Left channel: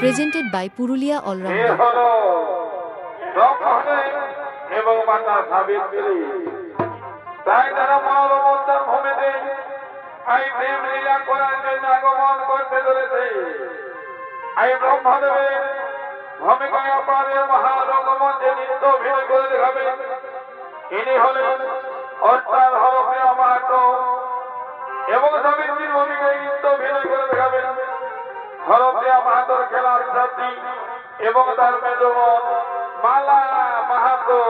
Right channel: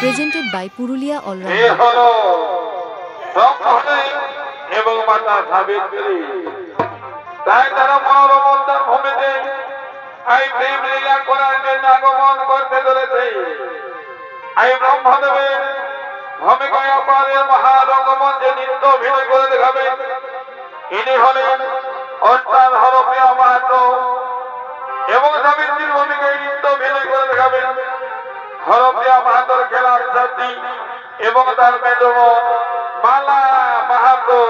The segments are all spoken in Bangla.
Presented by Purulia All-Rounder. এবং মাতা সাবিত্রী তাই তারা মনোরমন্দার ভূমিতে এই প্রেম লীলা করার জন্য আগমন করতে চলেছে। এই ব্রহ্মদেবের ভূমিকায় আপনাদের মহারঙ্গমঞ্চে নৃত্য অভিনয় করে দেখাবেন। ইনি হলেন অর্থাৎ হরপ্রিয়া মাহাতো এবং সাবিত্রীর ভূমিকায় নৃত্য অভিনয় করে দেখাবেন হরপ্রিয়া মাহাতোর খেলার সাথী এবং তার মেজবোন মালা Mahato.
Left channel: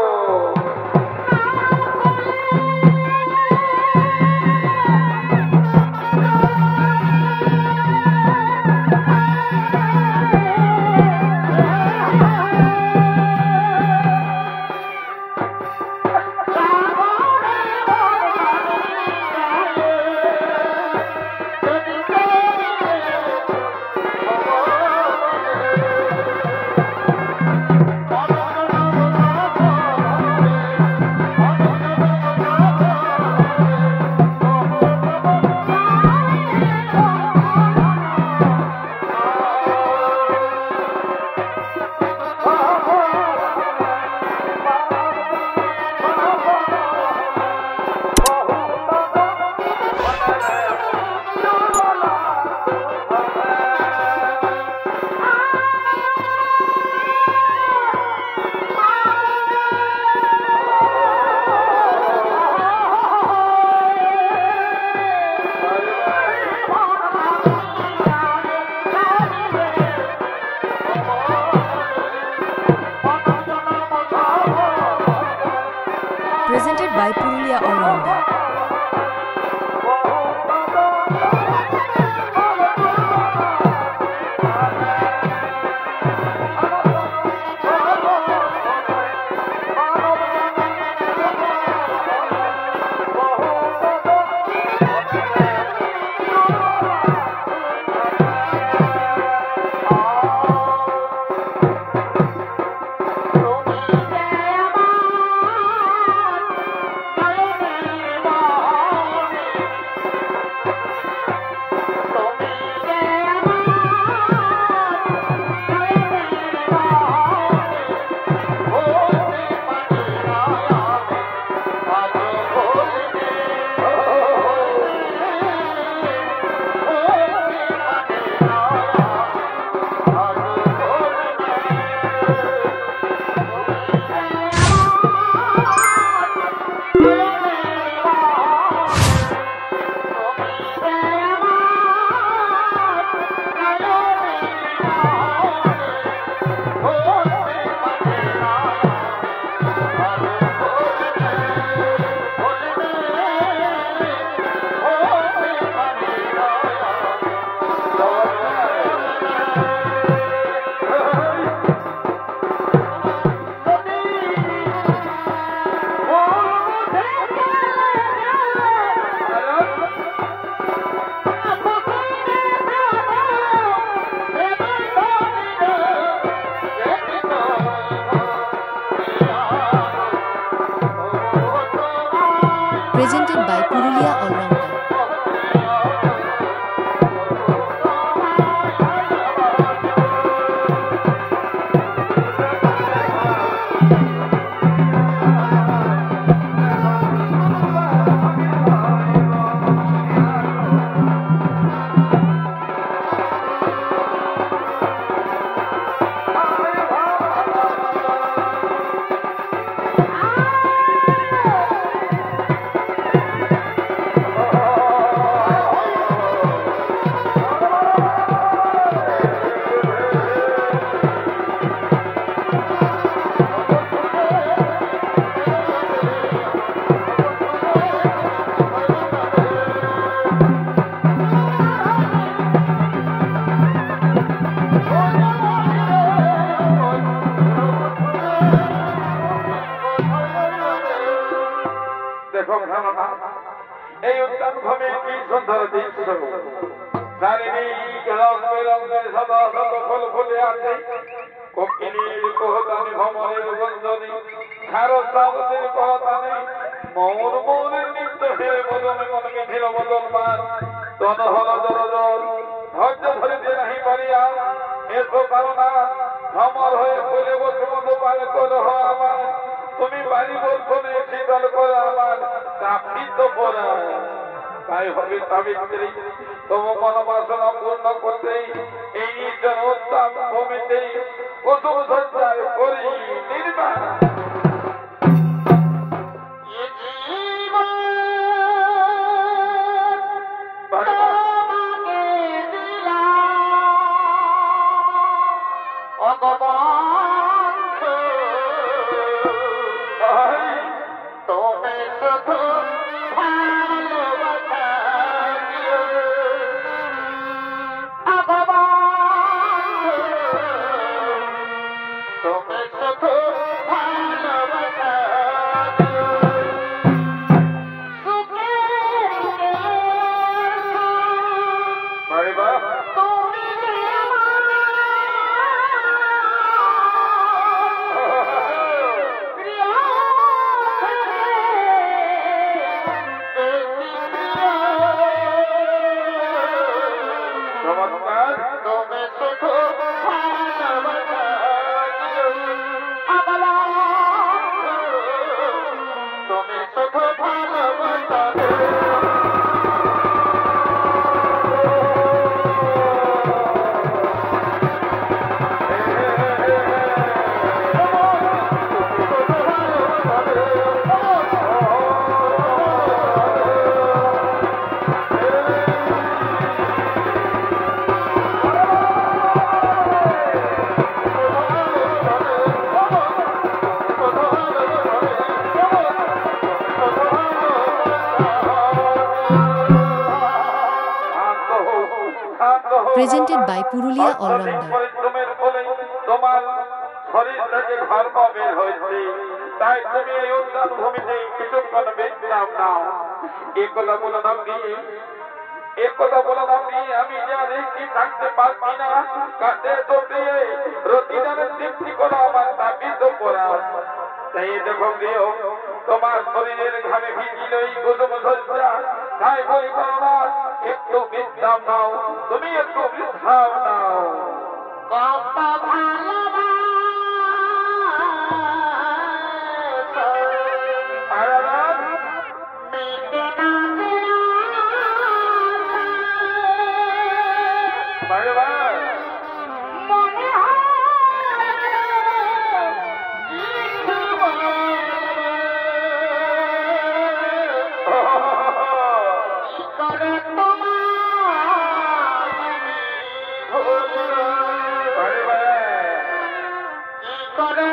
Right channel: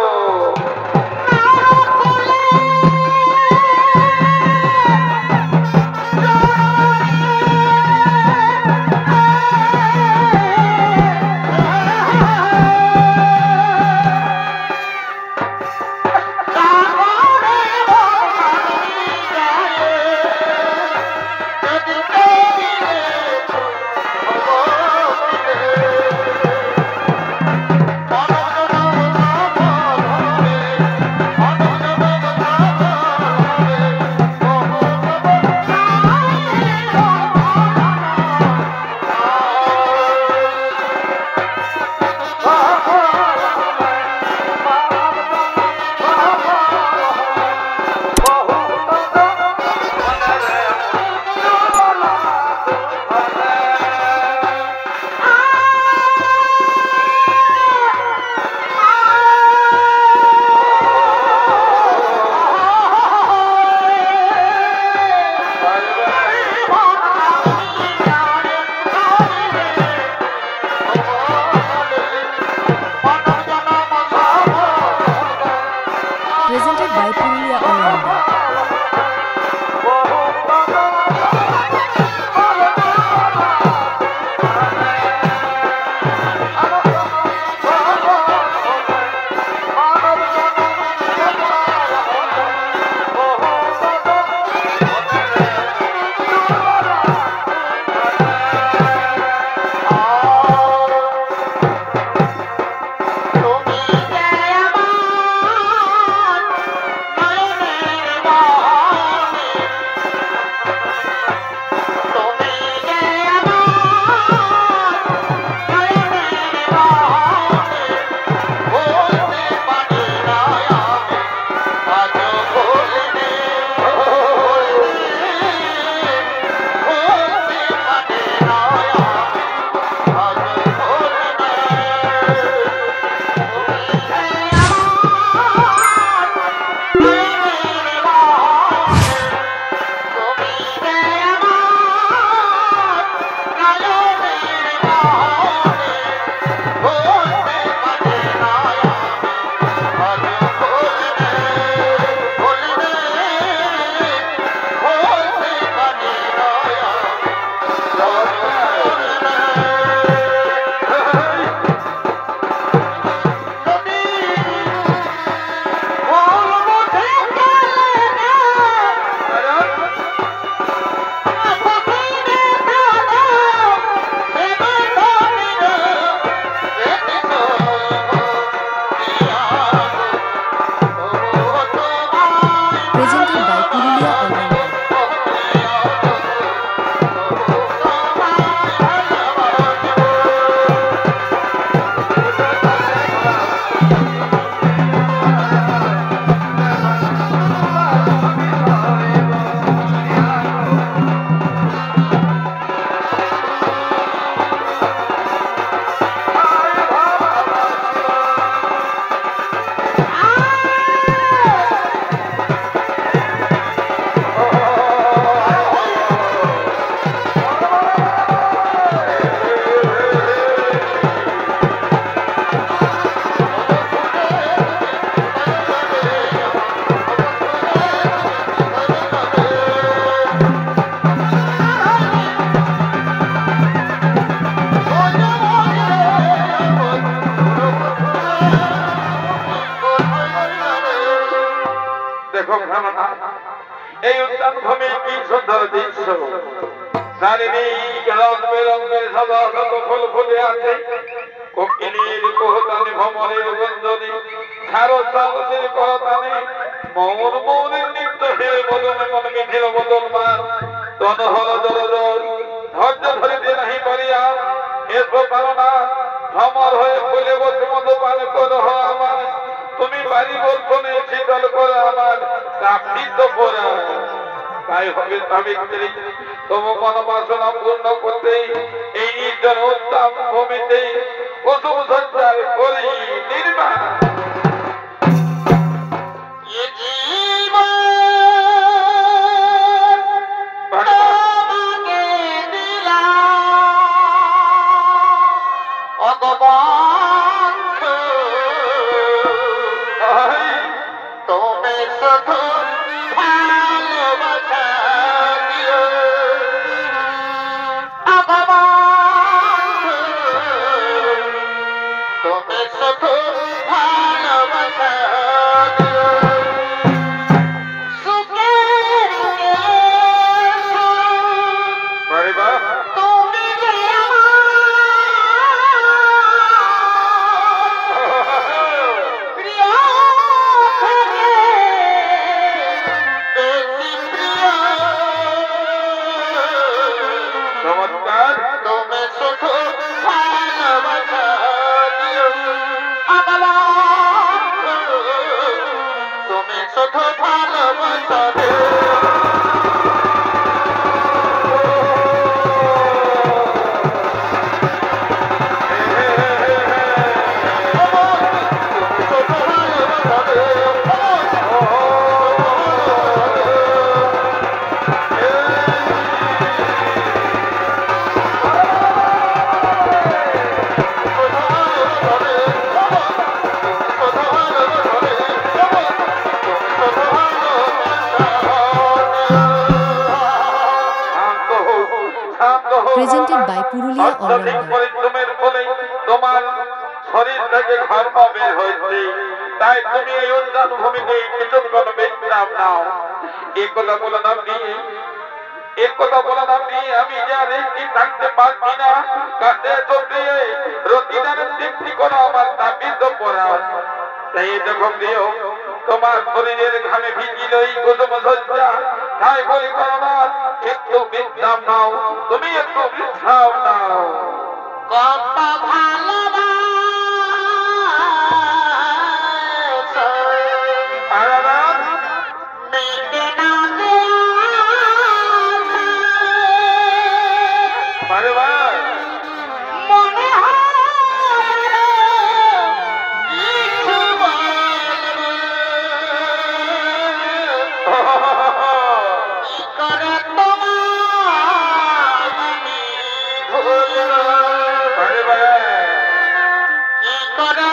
Presented by Purulia All-Rounder. Presented by Purulia All-Rounder. Oh খেলনা এই উদ্যান ভূমি কি সুন্দর দৃশ্য চারিদিক রং বেরঙের সাদা শত ফুল ফুটে আছে কোকিলের কোহতানি ভ্রমণের গঞ্জনি খারস্বাদের করতানি মৌর মৌরের নৃত্য হে বদনে মন মিঠিল বদলমান তন হল জলজল ধৈর্য ধরিতে নাহি পারিয়া এসো পারনা ভ্রমর হয়ে ফুলে বসে মতো পান করো আমার তুমি বাড়ি বলছনে শীতল করে আমার কাপিত পরা তাই হবে সাবিত্রী তবু মনোবাসনা পূর্ণ করতে এই নির্জন উত্তাপ ভূমিতে কুসুম সঞ্চার করি নির্মাণ Presented by Purulia All-Rounder. তোমার শরীর থেকে ধর্ম বের হয়েছে তাই তুমি এই উদ্যান ভূমিতে কিছুক্ষণ বিশ্রাম নাও এই কথা বললাম আমি জানি কি থাকতে পারছি না কাছে চোখে রতিদানের তৃপ্তি করো আমার তাপিত পড়া তাই যখন দিও তোমার শরীরের ঘামে ভিজিল এই কুসুম সজ্জা তাই বলি করোনা একটু বিশ্রাম নাও তুমি একটু বিশ্রাম নাও কত ভালোবাসা মেটে না মনে করে তোমার কি করে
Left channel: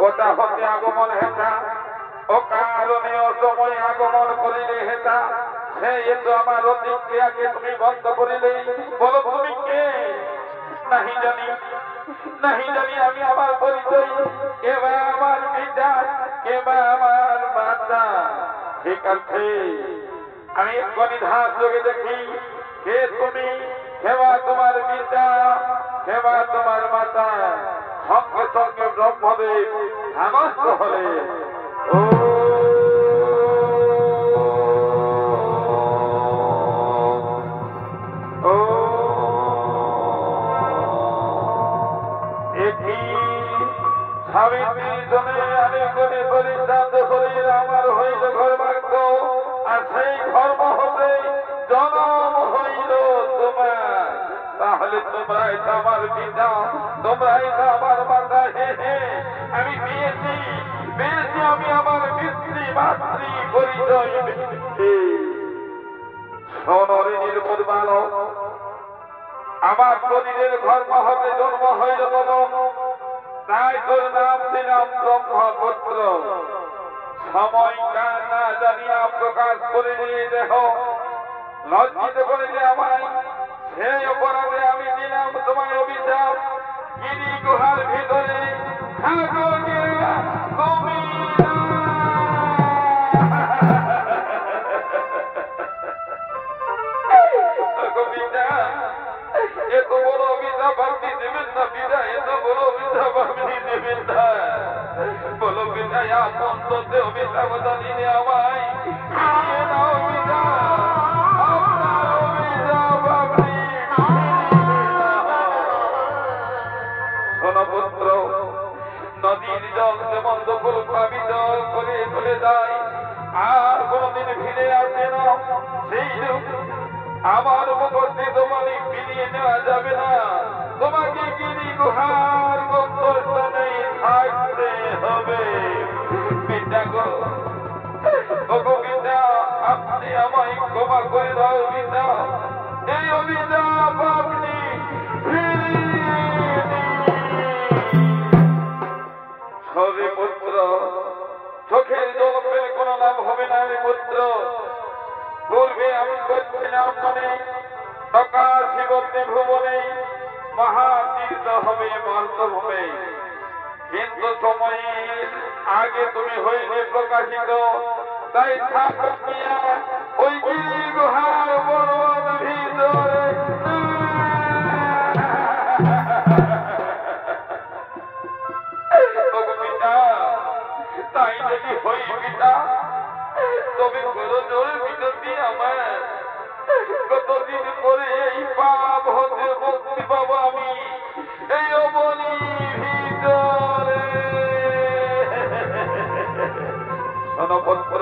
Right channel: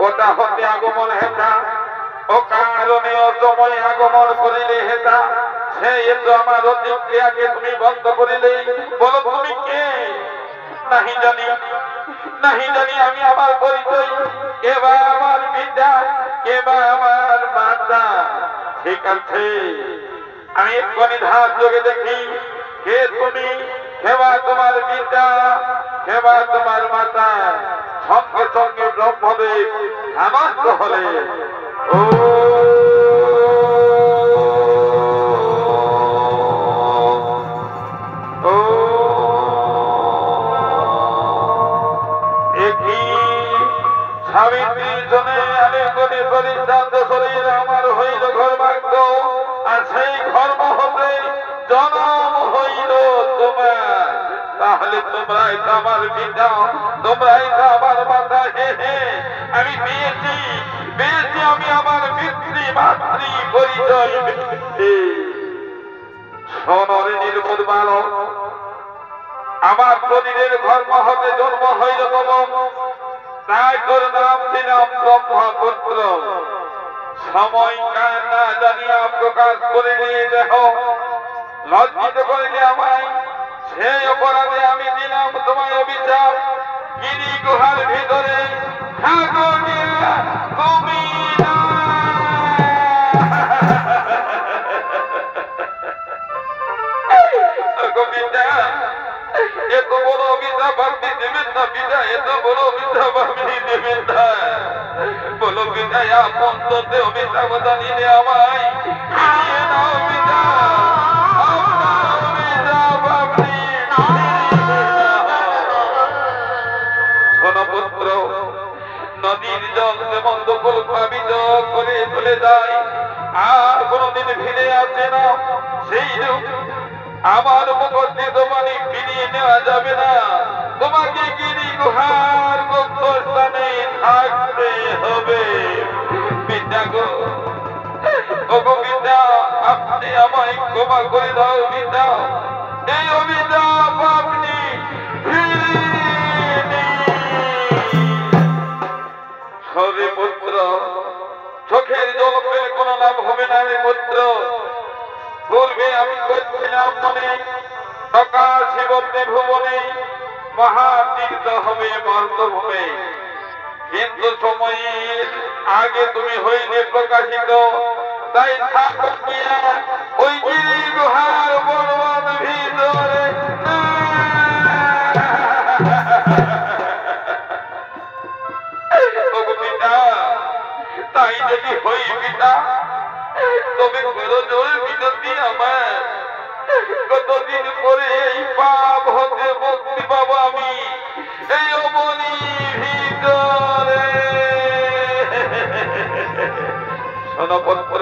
কোথা হতে আগমন হেতা ও কারণে অসময় আগমন করিলে হেতা সেই তো আমার অতিক্রিয়াকে তুমি বন্ধ করিলে বলো তুমি কে নাহি জানি আমি আমার পরিচয় কে বা আমার পিতা কে বা আমার মাতা ঠিক আছে আমি এক্ষুনি ধার যোগে দেখি কে তুমি কে বা তোমার পিতা কে বা তোমার মাতা সঙ্গে সঙ্গে ব্রহ্মদেব ধ্যানস্থ হলে ও সাবিত্রীর জনে আমি কোটি পরিশ্রান্ত শরীর আমার হইল ঘর ভাগ্য আর সেই ধর্ম হতে জনম তাহলে তোমরাই তো আমার পিতা, তোমরাই তো আমার মাতা। হে হে, আমি পেয়েছি পেয়েছি, আমি আমার পিতৃ মাতৃ পরিচয় পেয়েছি। সোনরে নির্মল বালক, আমার শরীরের ধর্ম হতে জন্ম হইল তব, তাই তোর নাম দিলাম ব্রহ্মপুত্র। সময় কার না জানিয়া প্রকাশ করে নিয়ে দেহ, লজ্জিত করিলে আমায়, সেই অপরাধে আমি দিলাম তোমায় অভিশাপ। গিরি গুহার ভিতরে থাকো গিয়া তুমি না। কবিতা, এত বড় অভিশাপ আপনি দেবেন না পিতা, এত বড় অভিশাপ আপনি দেবেন না। বলো পিতা, আপন তোতে অভিশাপ জানিলে আমায় ফিরিয়ে দাও পিতা, আপনার অভিশাপ আপনি শোনো পুত্র, নদীর জল যেমন দখল প্লাবিত করে চলে যায় আর কোনদিন ফিরে আসে না, সেই রূপ আমার মুখস্থিত বাণী ফিরিয়ে নেওয়া যাবে না। তোমাকে গিরি গুহার গুপ্ত স্থানে থাকতে হবে। পিতা গো, ওগো পিতা, আপনি আমায় ক্ষমা করে দাও পিতা, এই অভিশাপ আপনি ফিরিয়ে নিন। হরে পুত্র, চোখের জল পেলে কোনো লাভ হবে না রে পুত্র। পূর্বে আমি করছিলাম মনে, সকাল শিবতে ভুবনে মহাতীর্থ হবে মর্তভূমে, কিন্তু সময়ের আগে তুমি হইলে প্রকাশিত, তাই থাকো মিয়া ওই গিরি গুহার পর্বত ভিতরে। পিতা, তাই যদি হই পিতা, তবে জোর বিনতি আমার, কতদিন পরে এই পাপ হতে মুক্তি পাবো আমি এই অবনি ভিতরে। শোনপুত্র,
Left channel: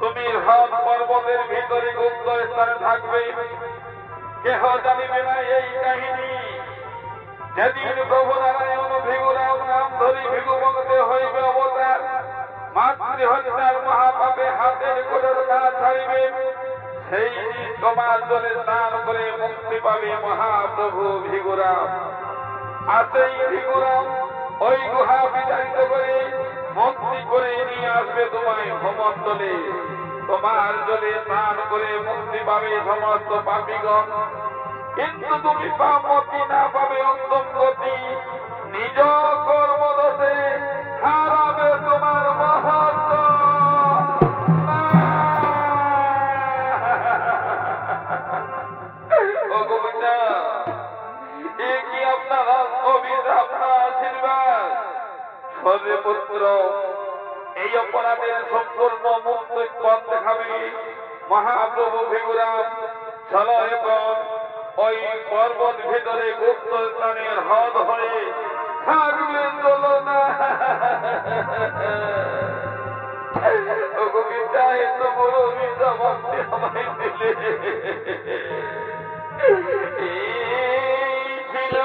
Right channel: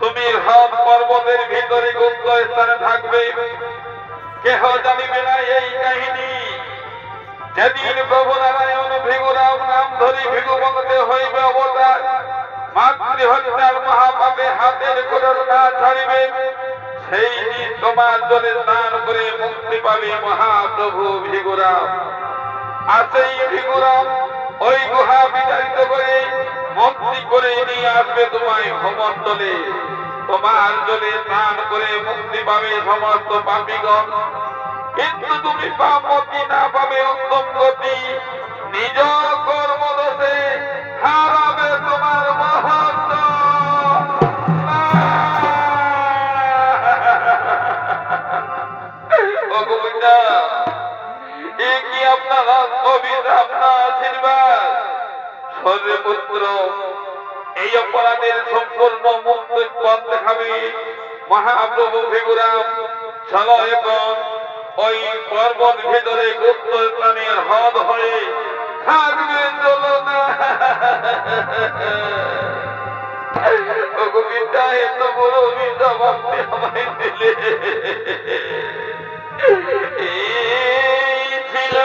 তুমি হাত পর্বতের ভিতরে গুপ্ত স্থানে থাকবে, কেহ জানিবে না এই কাহিনী। যেদিন প্রভু নারায়ণ ভিগুরাম নাম ধরি ভিগুবঙ্গতে হইবে অবতার, মাতৃহত্যার মহাপাপে হাতের কোটর না ছাড়িবে, সেই দিন তোমার জলে স্নান করে মুক্তি পাবে মহাপ্রভু ভিগুরাম। আর সেই ভিগুরাম ওই গুহা বিতাড়িত করে মুক্তি করে নিয়ে আসবে তোমায় ভূমণ্ডলে। তোমার জলে স্নান করে মুক্তি পাবে সমস্ত পাপীগণ, কিন্তু তুমি পাপতি না পাবে উত্তম গতি। নিজ কর্মদোষে হারাবে তোমার মহত্ব। এ কি আপনার অভিশাপ না আশীর্বাদ? সরে পুত্র, এই অপরাধের সম্পূর্ণ মুক্ত পথ দেখাবে মহাপ্রভু ভিগুরাম। চলো এখন ওই পর্বত ভিতরে গুপ্ত স্থানের হদ হয়ে থাকবে, চলো না। কবিতা, এত বড় অভিশাপ আপনি আমায় দিলে। এই ছিল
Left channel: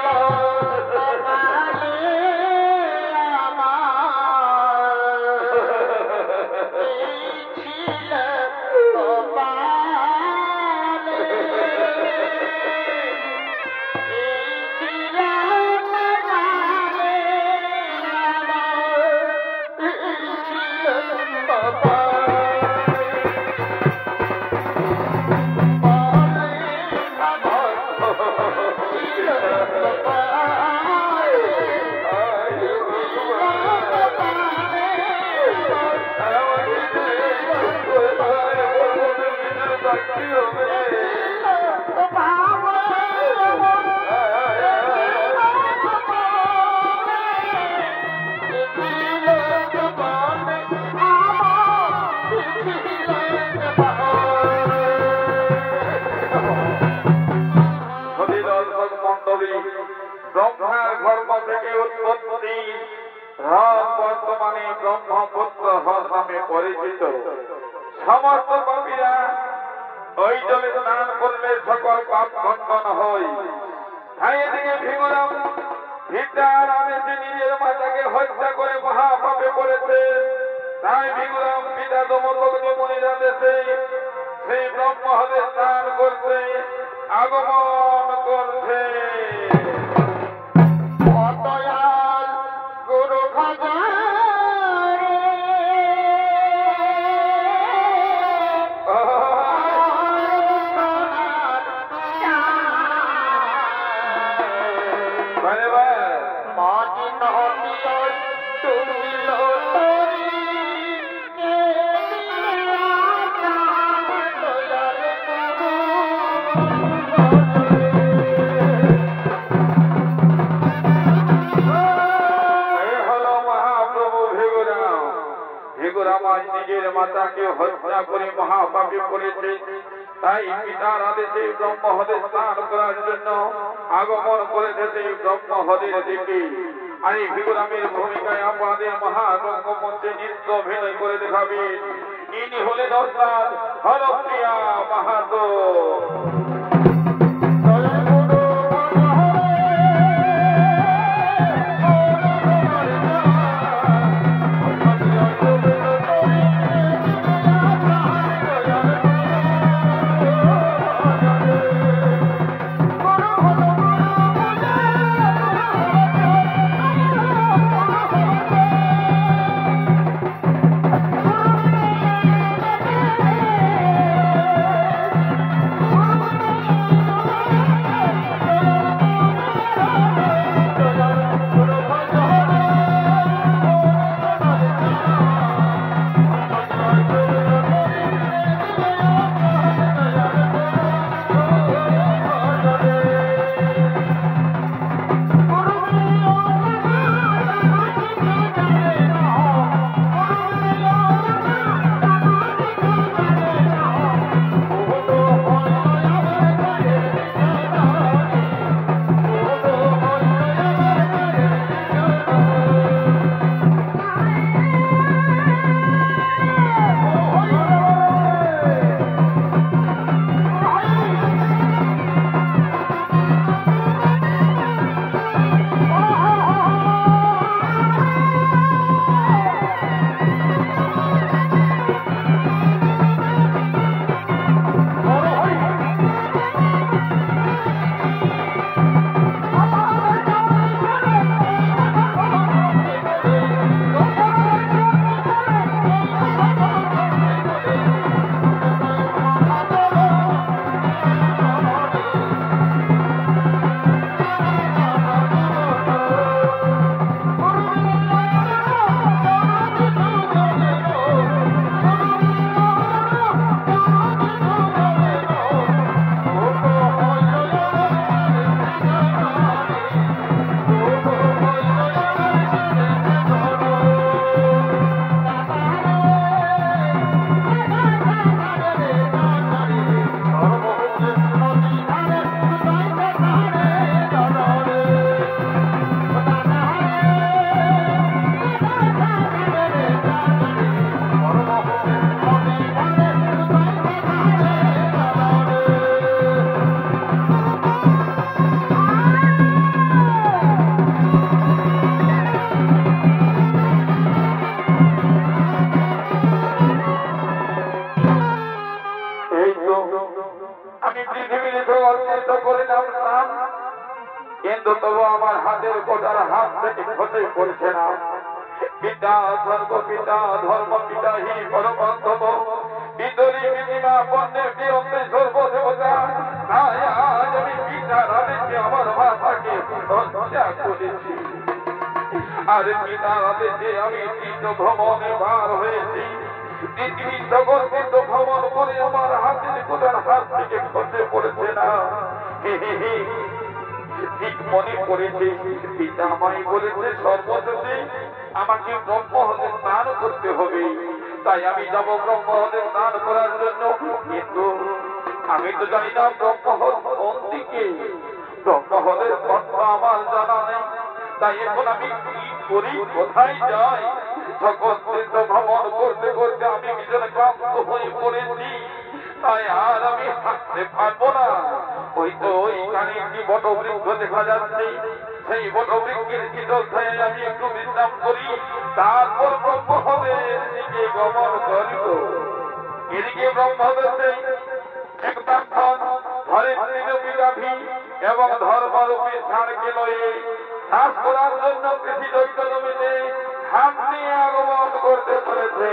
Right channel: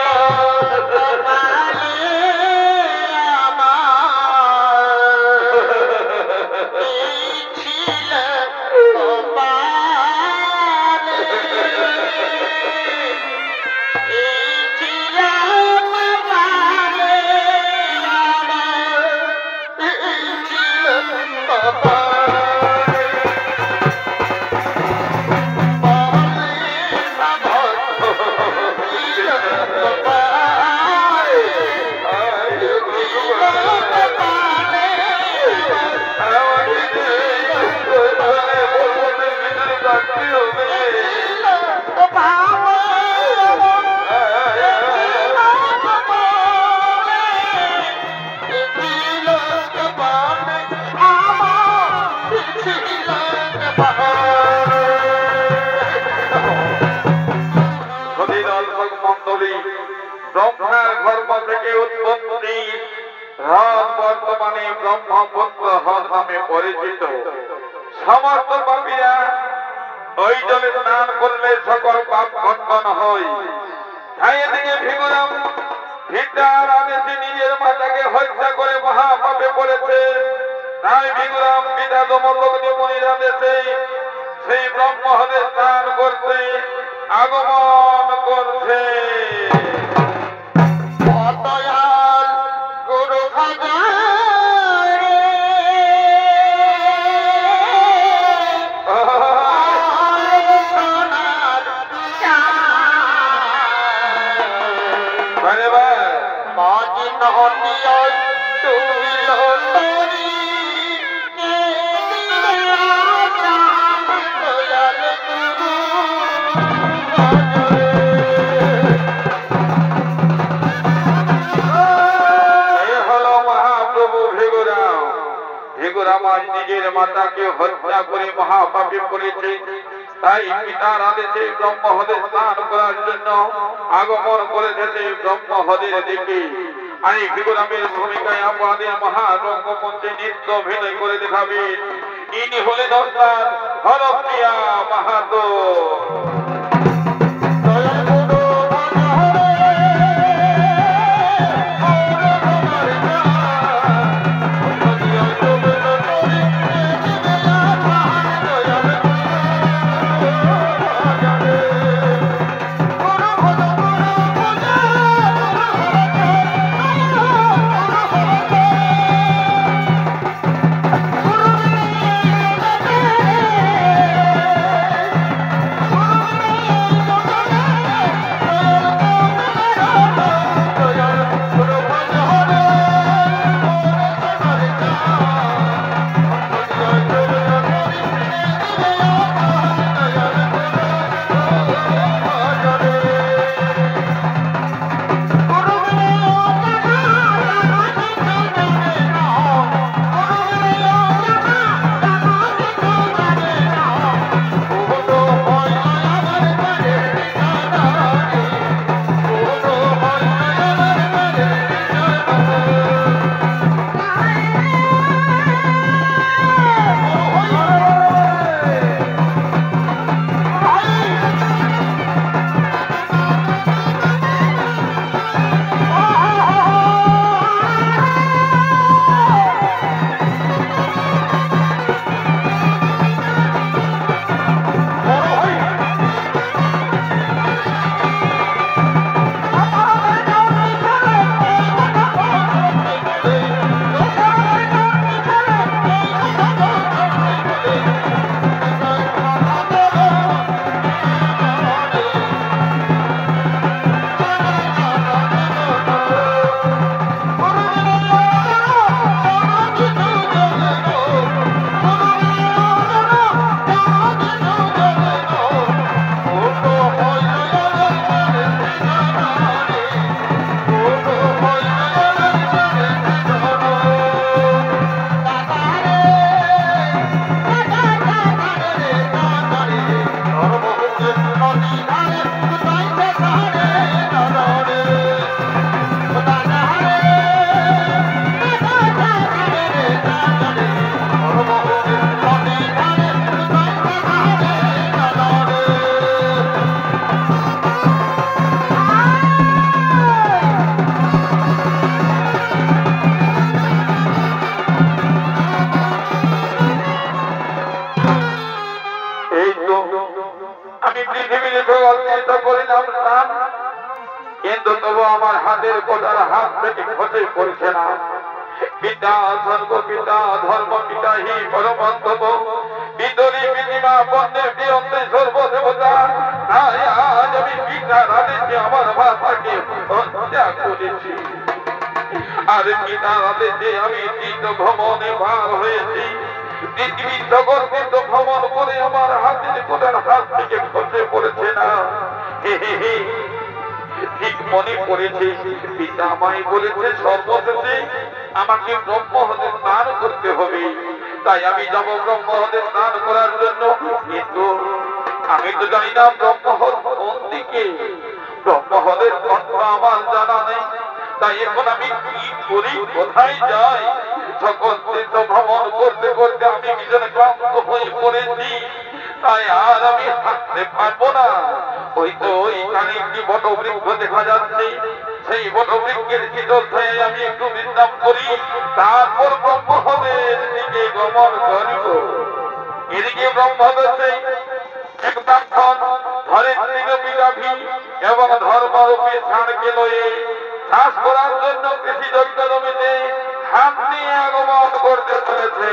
ব্রহ্মার গর্ভ থেকে উৎপত্তি, রাম বর্তমানে ব্রহ্মপুত্র হর নামে পরিচিত। সমস্ত পাপীরা ওই জলে স্নান করলে সকল পাপ খণ্ডন হয়। নয়। তাই এদিকে ভিগুরাম ভিটার আদেশে নিজের মাতাকে হত্যা করে মহাপাপে পড়েছে। তাই ভিগুরাম পিতা দমদগ্নি মুনির আদেশে সেই ব্রহ্মহদে স্নান করতে আগমন করছে। অদয়াল গুরু ভজরে সোনার মাঝি নদিয়ায় ডুবিল তরি দয়াল গুরু ভিগুরাম নিজের মাতাকে হত্যা করে মহাপাপে পড়েছে। তাই পিতার আদেশে ব্রহ্মহদে স্নান করার জন্য আগমন করেছে সেই ব্রহ্মহদের দিকে। আর ভিগুরামের ভূমিকায় আমাদের মহারঙ্গমঞ্চে নৃত্য অভিনয় করে দেখাবেন ইনি হলেন দস্তার হরপ্রিয়া মাহাতো। কিন্তু তবু আমার হাতের কোটার হাত থেকে খসে পড়ছে না। পিতা স্বর্গ পিতা ধর্ম পিতা হি পরমন্তম পিতরি পিতিমা বন্দে প্রিয়ন্তে সর্বদেবতা। তাই আজ আমি পিতার আদেশে আমার মাতাকে হত্যা করেছি। আর পিতার আদেশে আমি তীর্থ ভ্রমণে বার হয়েছি। পৃথিবীর জগৎ কিন্তু ভ্রমণ করে আমার হাতের কোটার হাত থেকে খসে পড়েছে না। ঠিক মনে পড়েছে পিতা আমায় বলেছে সর্বশেষে আমাকে ব্রহ্মহদে স্নান করতে হবে। তাই আমি যাব ব্রহ্মহদে স্নান করার জন্য। কিন্তু আমি তো জানি না ব্রহ্মহদ কোন দিকে, ব্রহ্মহদের কণ্ঠ আমার জানা নেই। তাই এখন আমি কি করি, কোথায় যাই? সকল তীর্থ ভ্রমণ করতে করতে আমি ভীষণ ক্লান্ত হয়ে পড়েছি। তাই আর আমি হাঁটতে পারবো না। ওই তো ওইখানে একটি বটবৃক্ষ দেখা যাচ্ছে, সেই বটবৃক্ষের শীতল ছায় আমি একটু বিশ্রাম করি, তারপর ব্রহ্মহলের দিকে গমন করিব। এদিকে ব্রহ্মদেশে এক ব্রাহ্মণ ধরিত্রী গাভী এবং ধর্মরূপী ষাঁড়কে লয়ে চাষ করার জন্য কৃষি দৈত্য জমিতে হাত নিয়ে আগমন করতে চলেছে।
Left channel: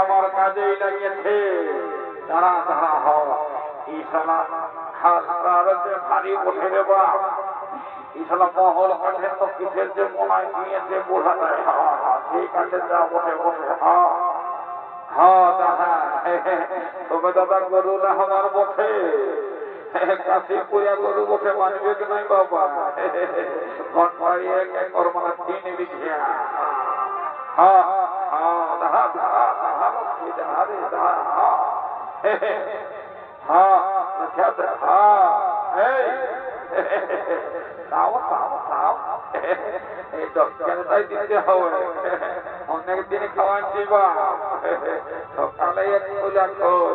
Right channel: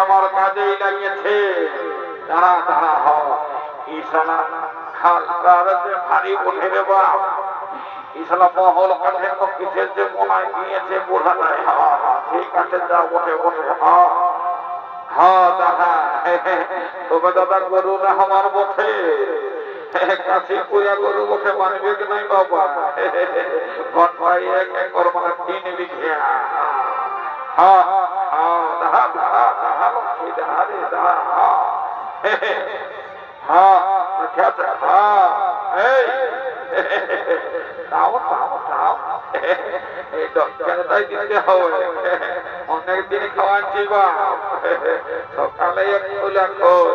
আমার কাজেই লাগিয়েছে। দাঁড়া দাঁড়া হলা ভারী ওঠে রে বাপ, ইসলা মহল কাঠে তো কিসের যে মনায় নিয়েছে বোঝা যায়। ঠিক আছে, যা ওঠে ওঠে। দাদা তবে দাদা গরু না আমার বসে কাশি পূজা গরু বসে মানবে কি নাই বাবা? ঘন্টায় এক একর মানে 3 বিঘা। অনেক দিন খাওয়াচ্ছি বা সকালে খোলা খোল।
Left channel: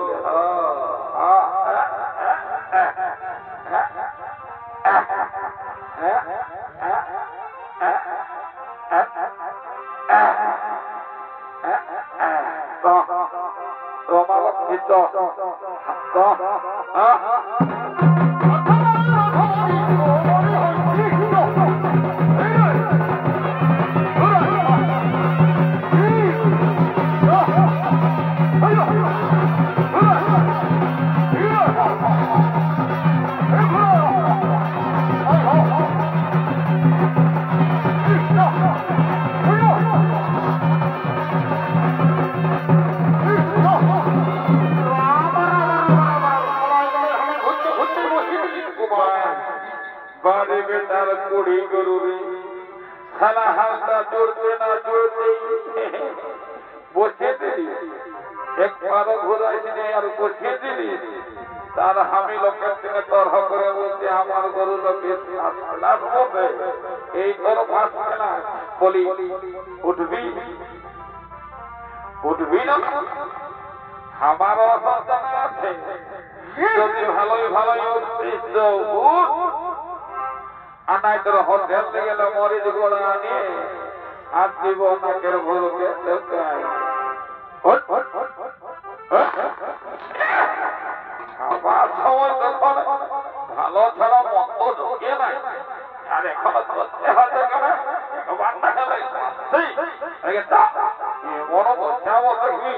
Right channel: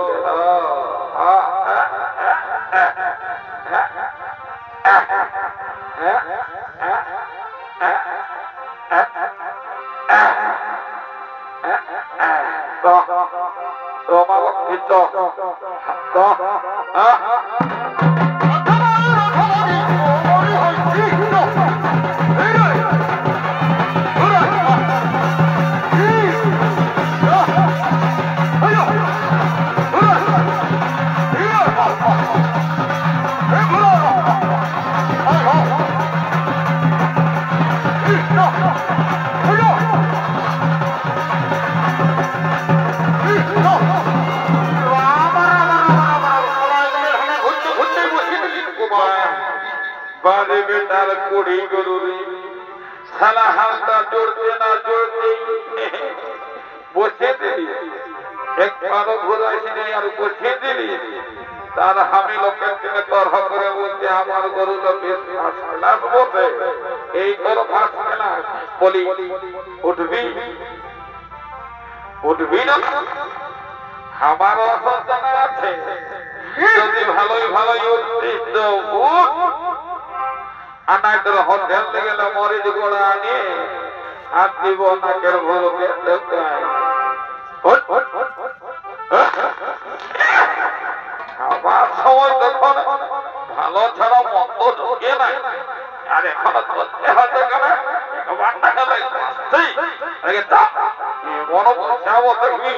বারে বেটার কুড়ি গরুরি সালা হাতটা জোড়তে না জোড়তে বসে দিলি, একবারও ঘোরাইছি নাই আর বসে দিলি। তার আমি লোকের দিনে তরহ করে বলছে আমার গরুটা বেশ ফাঁস ক্লাস বটে, এই তোর ফাঁস ক্লাস। বলি উঠবি উঠবি না? আমার অসুবিধা আছে, যদি ভালোই ভালোই উঠতিস তো আনাইতের হোটেল থেকে গেলে মরিচ গোড়া আনি আর দিব নাকের ভুলকে আমার সময় তখন ভালো ছাড়া মন্দ ঢোকে না। আর এখন চলতে হাতে গেলে মনে করছে দেখবি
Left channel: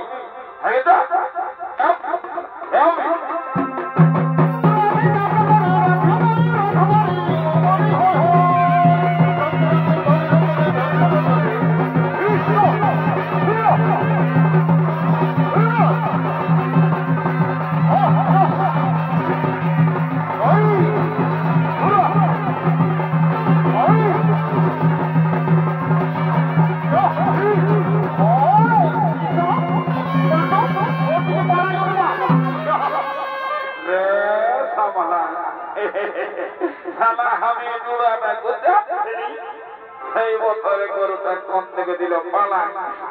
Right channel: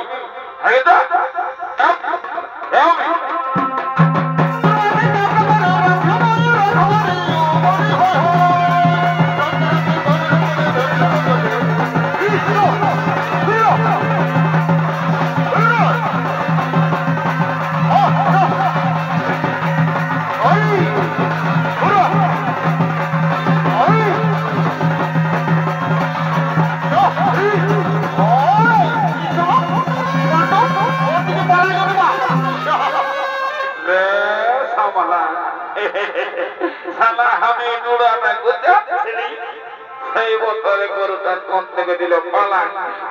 সেই বছরে গরুটা কোন থেকে দিল পালা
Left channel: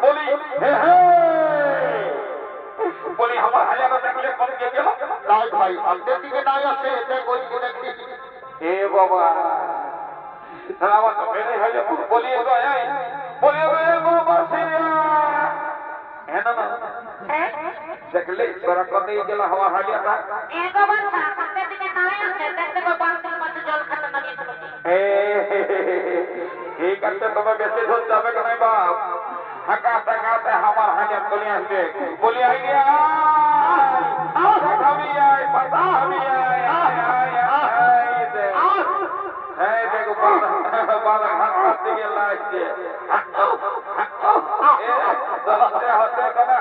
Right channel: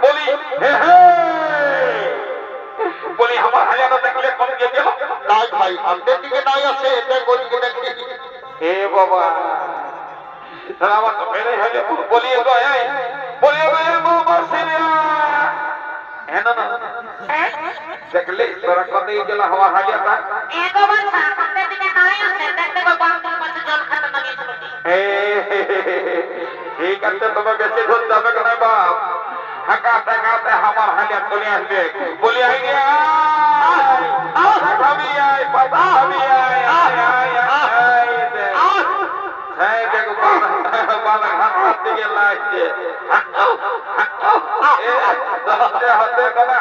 বলি হে হে বলি আমার হাজারটা দেখলে কোন কে গেল নাই ভাই আমাদের দিকে নাই আছে এটা গরুকে দেখি এ বাবা আমার তো ফেরে হলে বলিয়ে গয় বলিয়ে গয় বাবা সিরিয়া হ্যাঁ না দেখলে তোরা কত গেল আমার হাজারটা একবার আমাদের দিকে নাই আছে দেখতে গো বাংলা পাশে জল খাতে লাগিয়েছিল ঠিক আছে তুমি বেশি ধর যাবে কেন বাপ হাঁকাতে হাঁকাতে আমার হালিয়া চলে আসবে বলি আইনি আমি আই বাবা আমি আই হ্যাঁ দেখো বালা হাত দিকে লাগছে হাতে হাতে করে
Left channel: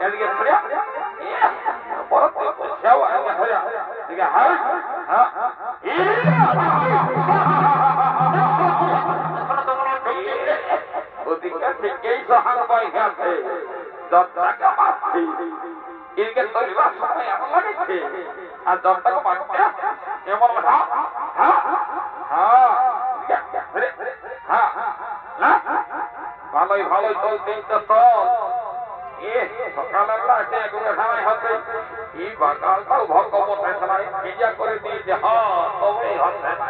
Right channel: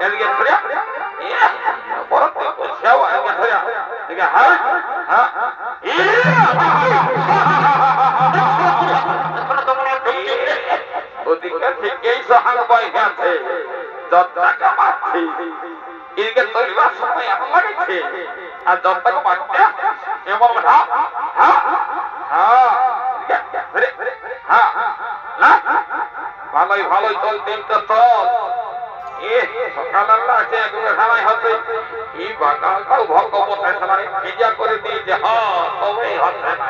এদিকে ধরে বড় সেও এদিকে ধরে ঠিক আছে হ্যাঁ ওদিকে ঠিকই সহান বই গেছে যত টাকা মারছি এদিকে তৈরিবার সময় এমন লাগছে আর যত টাকা মারছে এমন হ্যাঁ হ্যাঁ হ্যাঁ ভালোই ভালোই চল দিনটা চল সকালের আছে একবার খানাই হচ্ছে এই বাগানটাও ভগবতের খানায় ভিজা করে দিয়েছে হ্যাঁ তবেই হচ্ছে না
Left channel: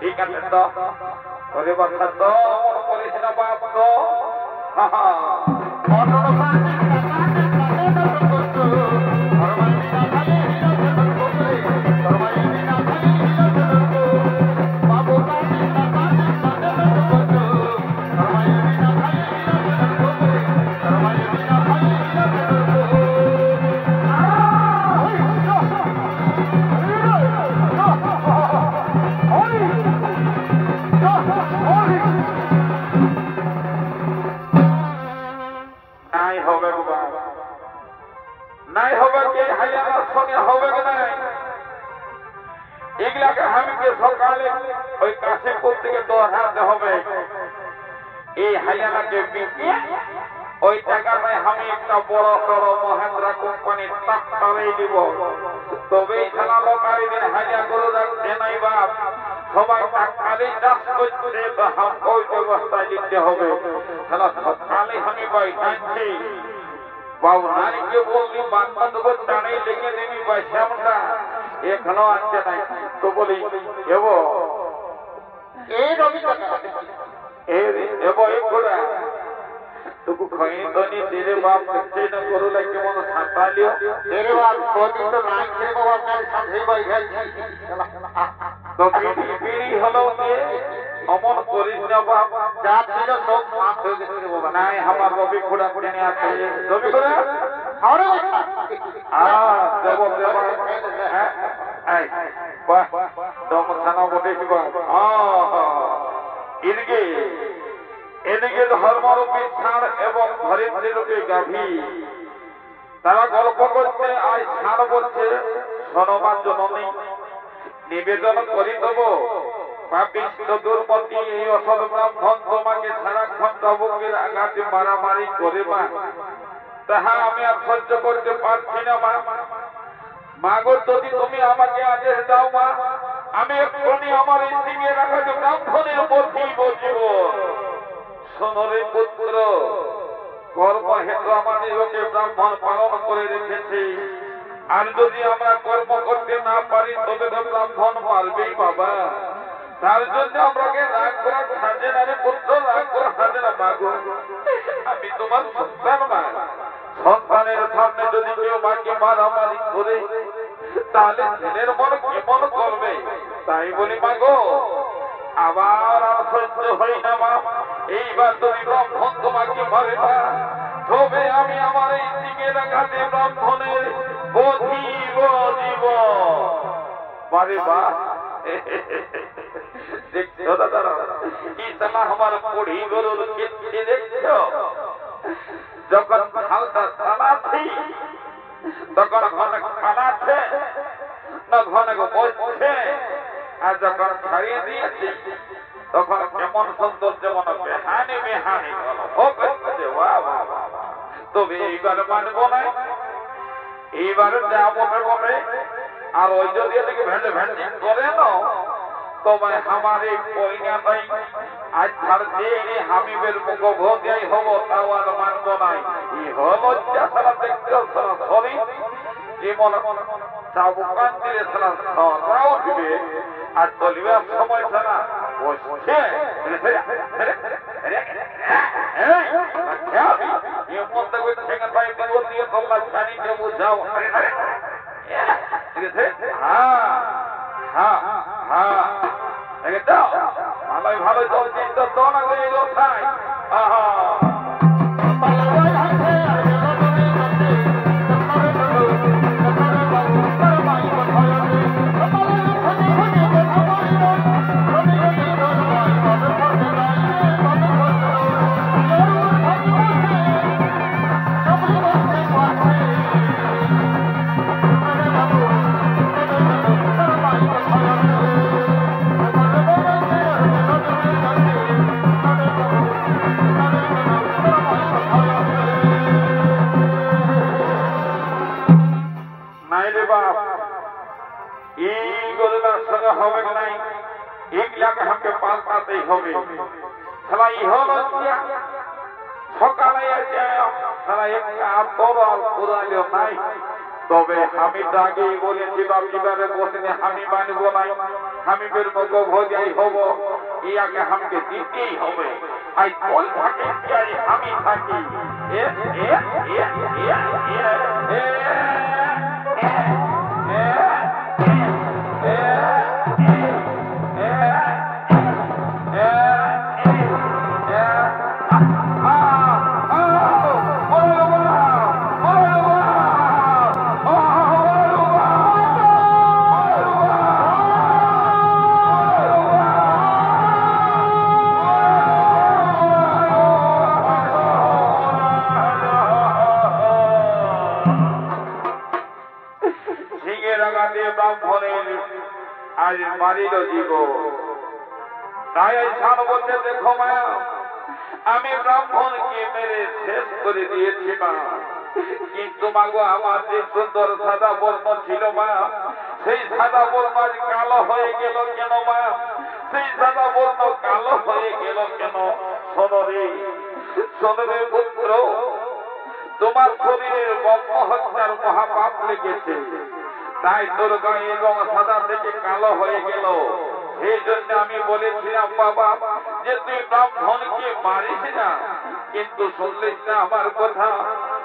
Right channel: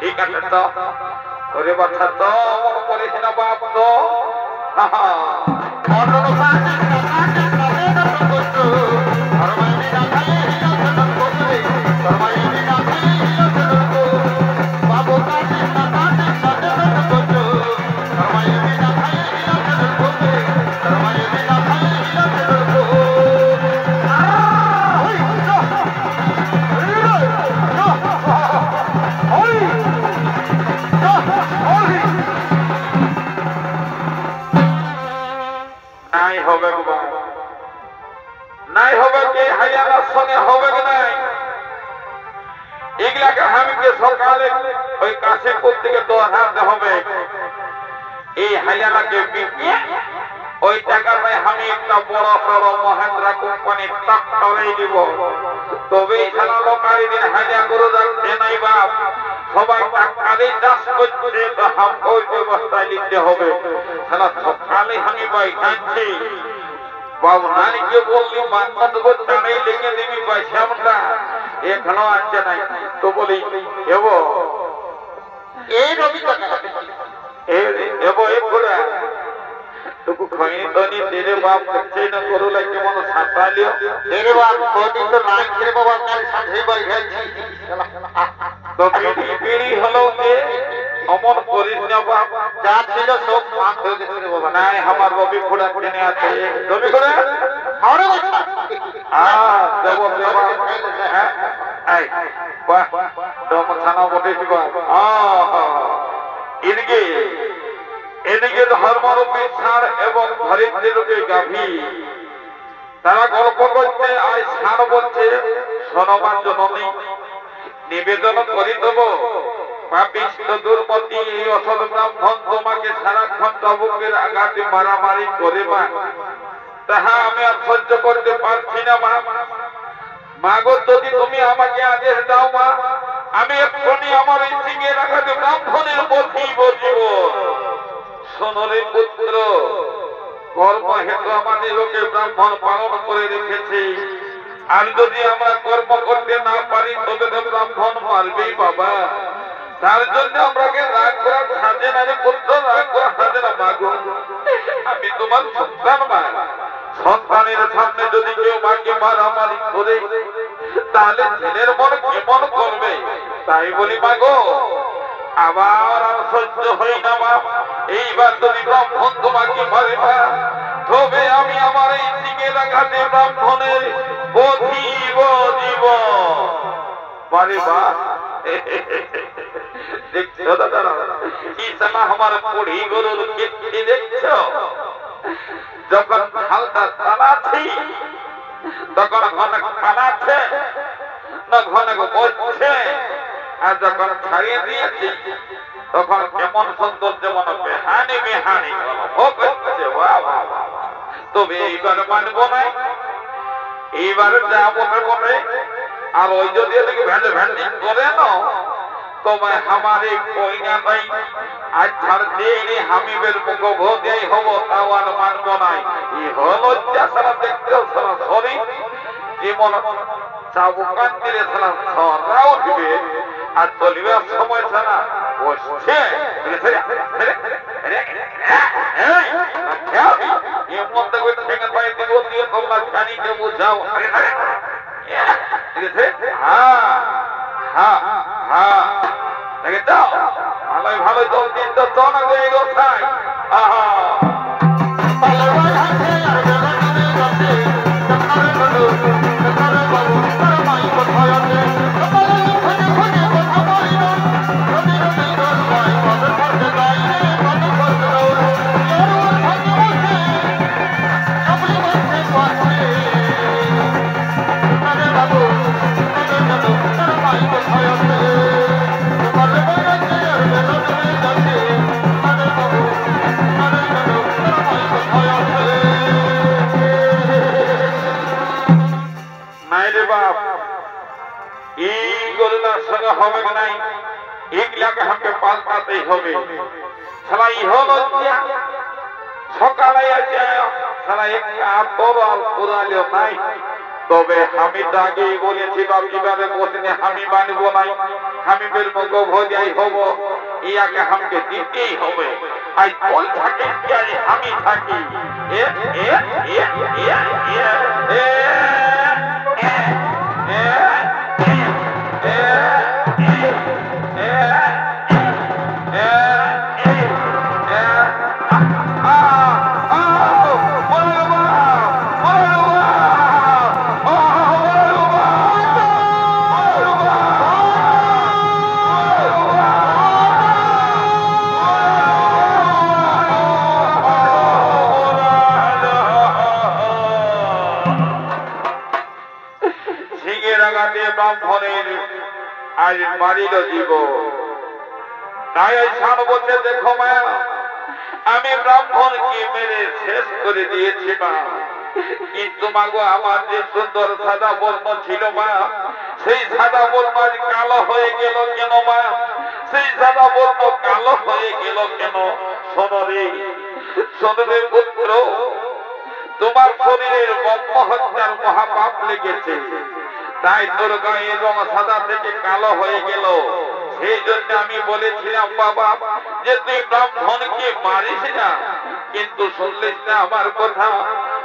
ঠিক আছে তো তোরে বাচ্চা তো মন করিস না বাপ তো নাই হবে কি হাইয়ানার সঙ্গে হবে কি নাই এগুলাকে হামিকে সকালে ওই কাশীপুর থেকে দৌড়াতে হবে এই হাইয়ানাকে বিকিয়ে ওই টাকাটাই আমি একটা বড় বড় মহেন্দ্রা কোম্পানির ট্রাক্টরে দিব তবেই খেলা লোকারি দিন হাইয়া গরু যাচ্ছে নাই বাপ সবাই টাকারে চাষ করছে তো হামকে ওই ব্যবস্থায় নিতে হবে খেলা সকালে আমি বাই খাচ্ছি বাবু নারীকে বললি বান্ধব টানেই লেগে দিবি ভাই শ্যামটা এখানেও আনছে নাই তো বলি এব এই রবি এব এক ঘোড়া তোকে খনি ধনি তেরে বাপ করছে না করো লাগে মনে সাঁতালিও এরে বাপ কোটি তো নাই রে বাবা কাল সাথে বাই খাইছি তো পিড়ি হলো যে অমন করিস না বাপ যা ছিল সব মাফ হয়ে গেছে রে বাবা নাই আমার রবি ঘোড়া কিনে আছে রবি ঘোড়া আরে বাবা দেব দেব এই বাহ দম থানা বটেছি বাহ এদিকে এদিকে ধর্মরূপী ষাঁড় এবং ধরিত্রীরূপী গাভী তারা গল্প করছে আজ ষাঁড় বলছে সনমান জননী নিবেদন করি দেব পাপিষ্ঠ দুর্মতি এই অসৎ ব্রাহ্মণ তোমাকে সারাক্ষণ চবুকের আঘাতে মারামারি করে মা তাহা আমি আর সহ্য করতে পারছি না মা মাগো যদি তুমি আমাকে আদেশ দাও মা আমি এক্ষুনি আমার এই সিংহের আঘাতে ব্রাহ্মণের বধিব জীবন সোনরে পুত্র কর্ম হেতু আমাদের লোকে ব্রাহ্মণ পালন করে রেখেছি আর যদি আমরা কর্ম করতে না পারি তবে তো ব্রাহ্মণ মারবেই বাবা তার জন্য আমরাকে রাগ করা সাজে না রে পুত্র রাগ করা সাজে না মাগো আমি তোমার সন্তান মা সন্তানের সামনে যদি কেউ মাকে মারামারি করে তাহলে ছেলের মন কেমন করবে তাই বলি মাগো আবার আর সহ্য হই না মা এইবার যদি ব্রাহ্মণ তোমাকে মারে মা তবে আমি আমার এই দিকে রাখাতে ব্রাহ্মণের বধিব জীব বারে বা দেখছো দাদা কি সালা আমার পড়ি গরুর কীর্তি দেখছো যখন হালকা চালাচ্ছি তখন ঘন খালাচ্ছে না ঘন বসছে আর যখন ছাড়িয়ে দিয়েছি তখন কেমন সৌন্দর্য মনে বেহানি বেহানি তবে এইবার মানব না এইবার যা বলে বলে আর ওই যদি এদিকে ভেন্ডে ভেন্ডি করে না तो मैं हमारे कोई ना नहीं आज छाड़ देने हमी बेर मुको भोदियाई होबो तावार मानबो নাই ই হলো যারা দেখতে সারা সরি জীবন চাবুকান দিলে সারা সরাও দিবে আর চলিবে সময় ছাড়া বসছে ये मत कोई तो ठेंगन भाई दियो दियो कल्ला खानी के बुझाओ हां हां हां দেখে দাও ভালোই ভালোই তো কিন্তু তো না দেই গো ভাই আহা পালবাই হাতে আর বেলা তুমি গতে তকরে বলো তকরে বাবু তোর মাই কোথায় আছে পালন খনে খনে কথা বলিল রবি রবি তোর মাই কদর করতে যাই রে কদর করতে যাও এর ওর ভাঙে বসে সবলি বসে পাছে তকরে বাবু তকরে বলো তোর মাই কোথায় আছে পালবাই হাতে আর বেলা তুমি গতে তকরে বাবু নাই রে বাপ এই গোল্লার সঙ্গে হবে নাই এগুলাকে আমাকে পাল্টাতেই হবে শালা ইহলো সকালে আছে শালা একটা তরল পুরালিও নাই তবে আমি আগে বলেছি বাপ কিভাবে বসনে আমি মানবো নাই আমি বের মুখ ভোজাই হব ইয়াকে আমাকে দিতেই হবে আই কোন থাকে কি আমি থাকি এ এ এ এ এ ব্রাহ্মণের আজ মারিল জীব তাই সান বলতে দেখো মা আমি ব্রাহ্মণকে মেরে শেষ করে দিয়েছি মা কিন্তু মাগো আমার যে সুন্দর সাদা বর্ণ ছিল মা সেই সাদা বর্ণ আজ কালো হয়ে গেল কেন মা সেই সাদা বর্ণ কালো হয়ে গেল কেন সোনরে সোনরে পুত্র তোমার শরীরের ব্রহ্ম হত্যার মহাপাপ লেগেছে তাই তোর গায়ে রং সাদা থেকে কালো হয়ে গেল সেই জন্য আমি বলেছিলাম বাবা যে তুই ব্রাহ্মণকে মারিস না কিন্তু শুনলিস না আমার কথা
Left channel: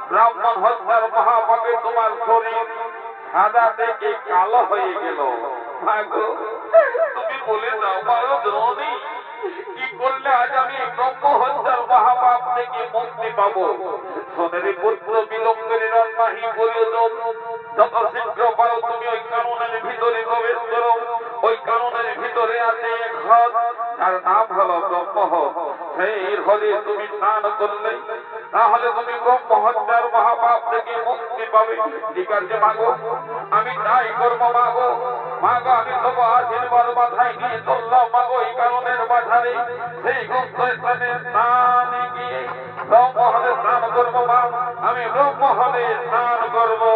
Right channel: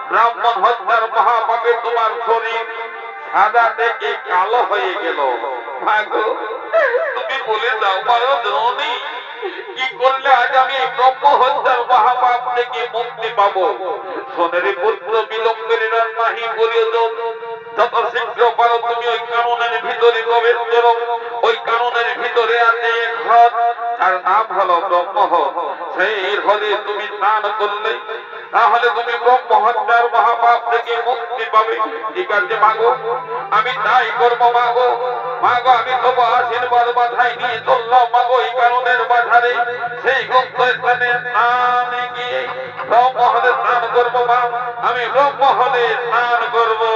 ব্রাহ্মণ হত্যার মহাপাপে তোমার শরীর সাদা থেকে কালো হয়ে গেল মাগো তুমি বলে দাও মারো দ্রোণী কি করলে আজ আমি ব্রহ্ম হত্যার মহাপাপ থেকে মুক্তি পাবো সোনারি পুত্র বিলম্বের নাহি করিও যত শীঘ্র পারো তুমি ওই কাননের ভিতরে প্রবেশ করো ওই কাননের ভিতরে আছে এক হ্রদ তার নাম হলো ব্রহ্মহ্রদ সেই হ্রদে তুমি স্নান করলে তাহলে তুমি ব্রহ্ম হত্যার মহাপাপ থেকে মুক্তি পাবে ঠিক আছে মাগো আমি তাই করবো মাগো মাগো আমি তবু আশীর্বাদ মাথায় নিয়ে চললাম মাগো এই কাননের মাথারে সেই গুপ্ত স্থানে স্নানে গিয়ে ব্রহ্মহ্রদে স্নান করবো মা আমি ব্রহ্মহ্রদে স্নান করবো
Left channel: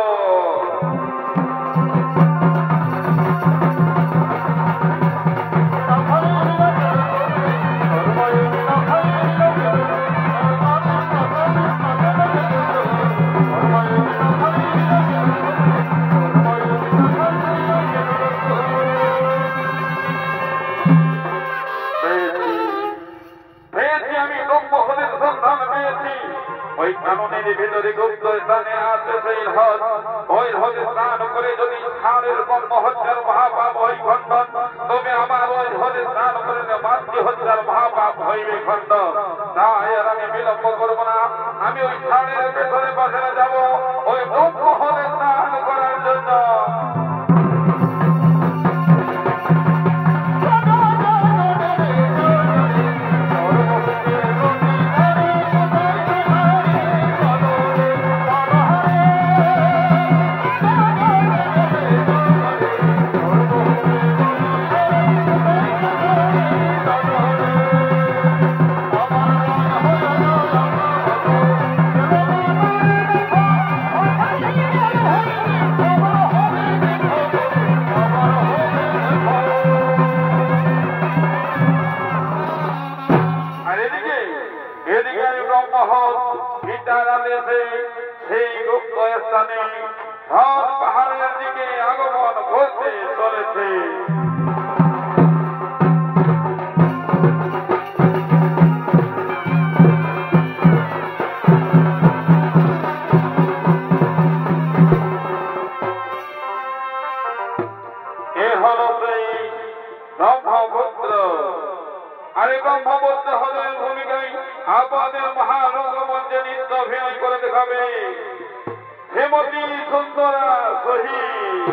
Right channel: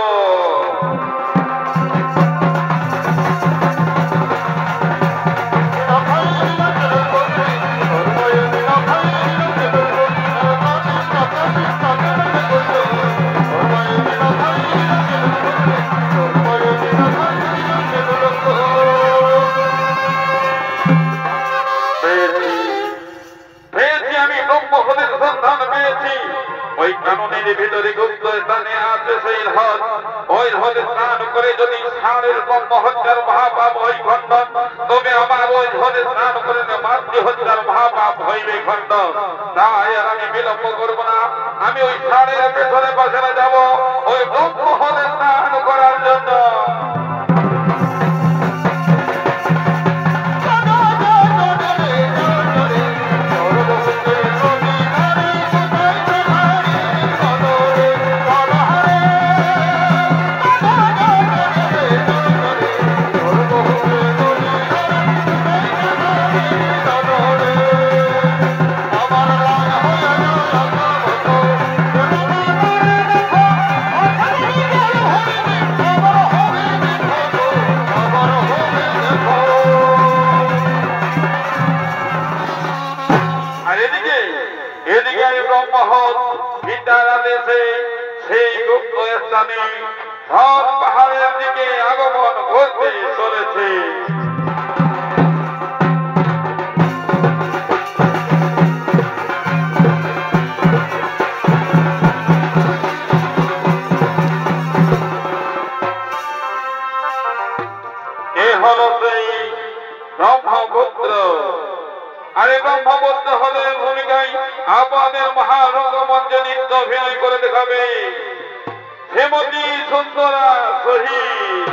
ওই কাননের ভিতরে গুপ্ত স্থানে আছে সেই হ্রদ ওই হ্রদে স্নান করে যদি সারের ব্রহ্ম হত্যার মহাপাপ হয় খণ্ডন তবে আমার ওই হ্রদে স্নান করে মাতৃ হত্যার মহাপাপ হইবে খণ্ডন তাই আমি বিলম্ব করবো না আমি ওই সারের পেছনে বসে যাব ওই ব্রহ্ম হ্রদে স্নান করার জন্য Oh, সব পাহাড়ের দিকে আগমন করতে চলেছে। এ হলো সেই ব্রহ্মপুত্র। আর এই ব্রহ্মপুত্র হলে ভূমিকায় আপনাদের মহারঙ্গমঞ্চে নৃত্য অভিনয় করে দেখাবে শ্রীমতী সুন্দরা শহীদ।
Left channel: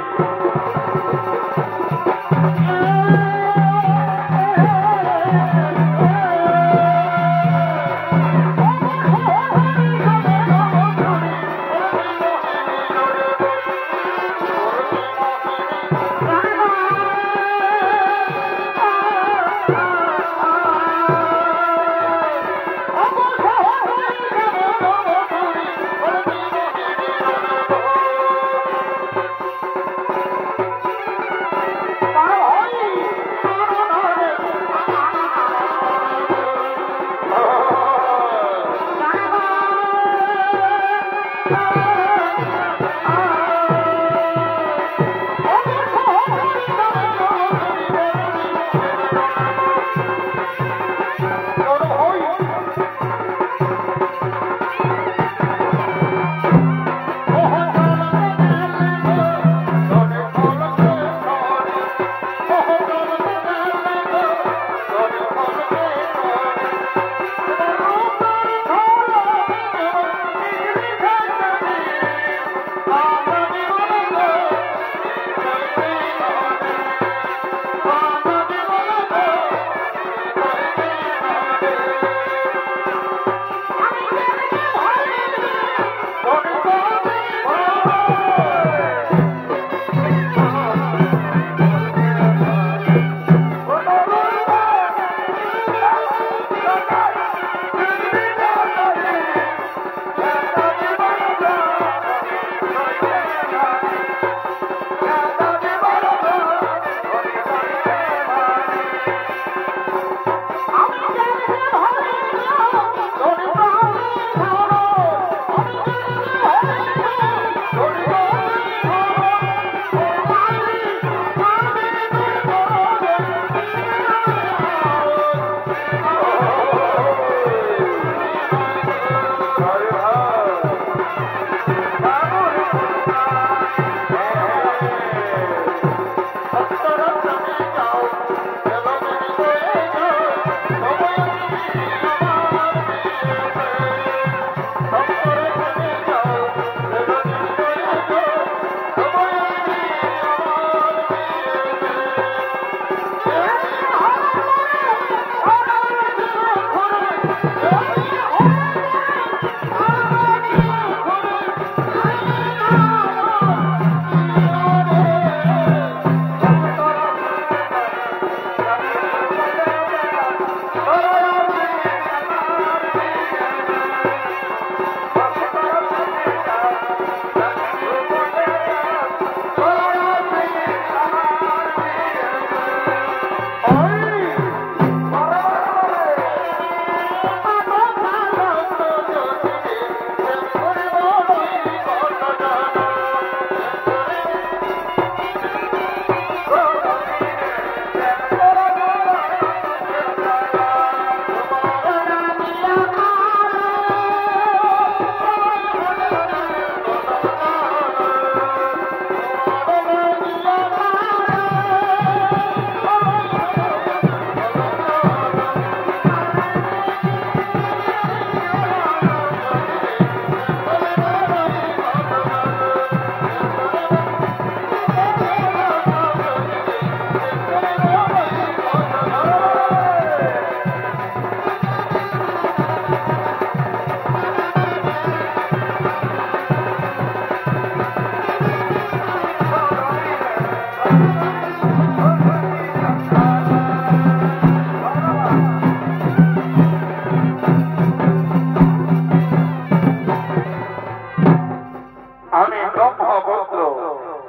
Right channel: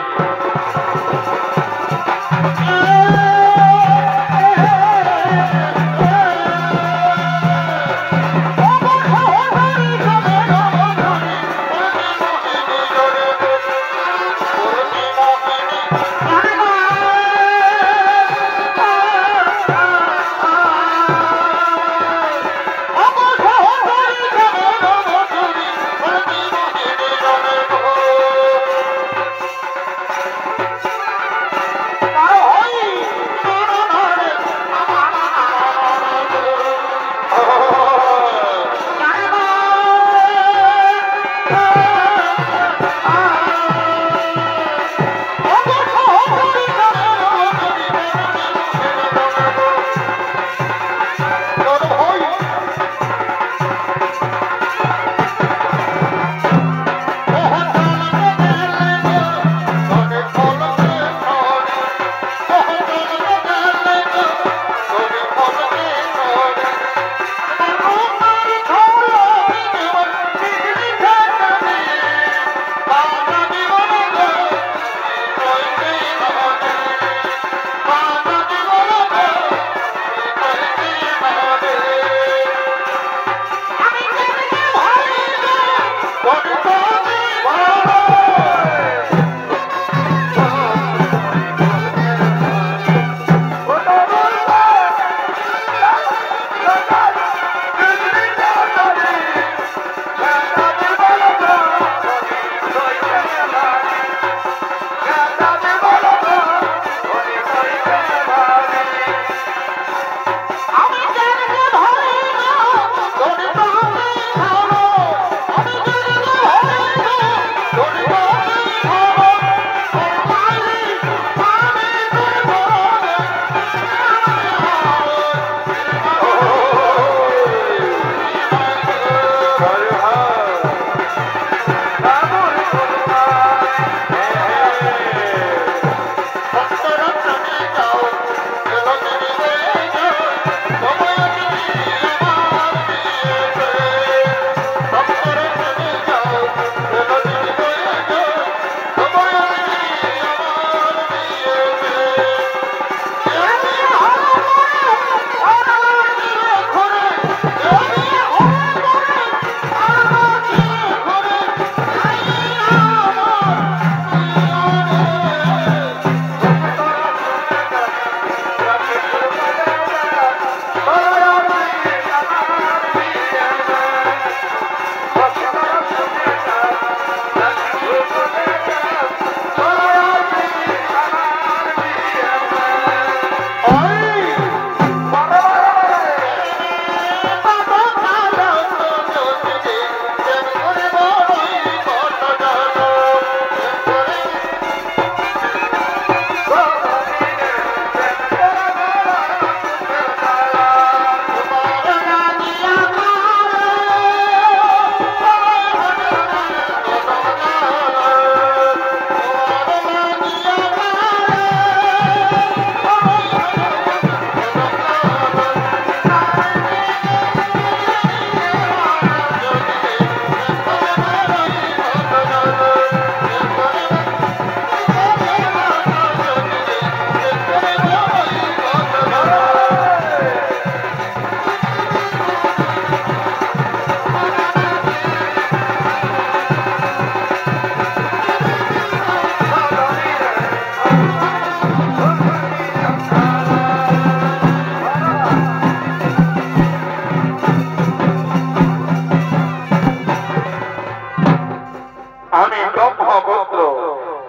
আমি ব্রহ্মপুত্র,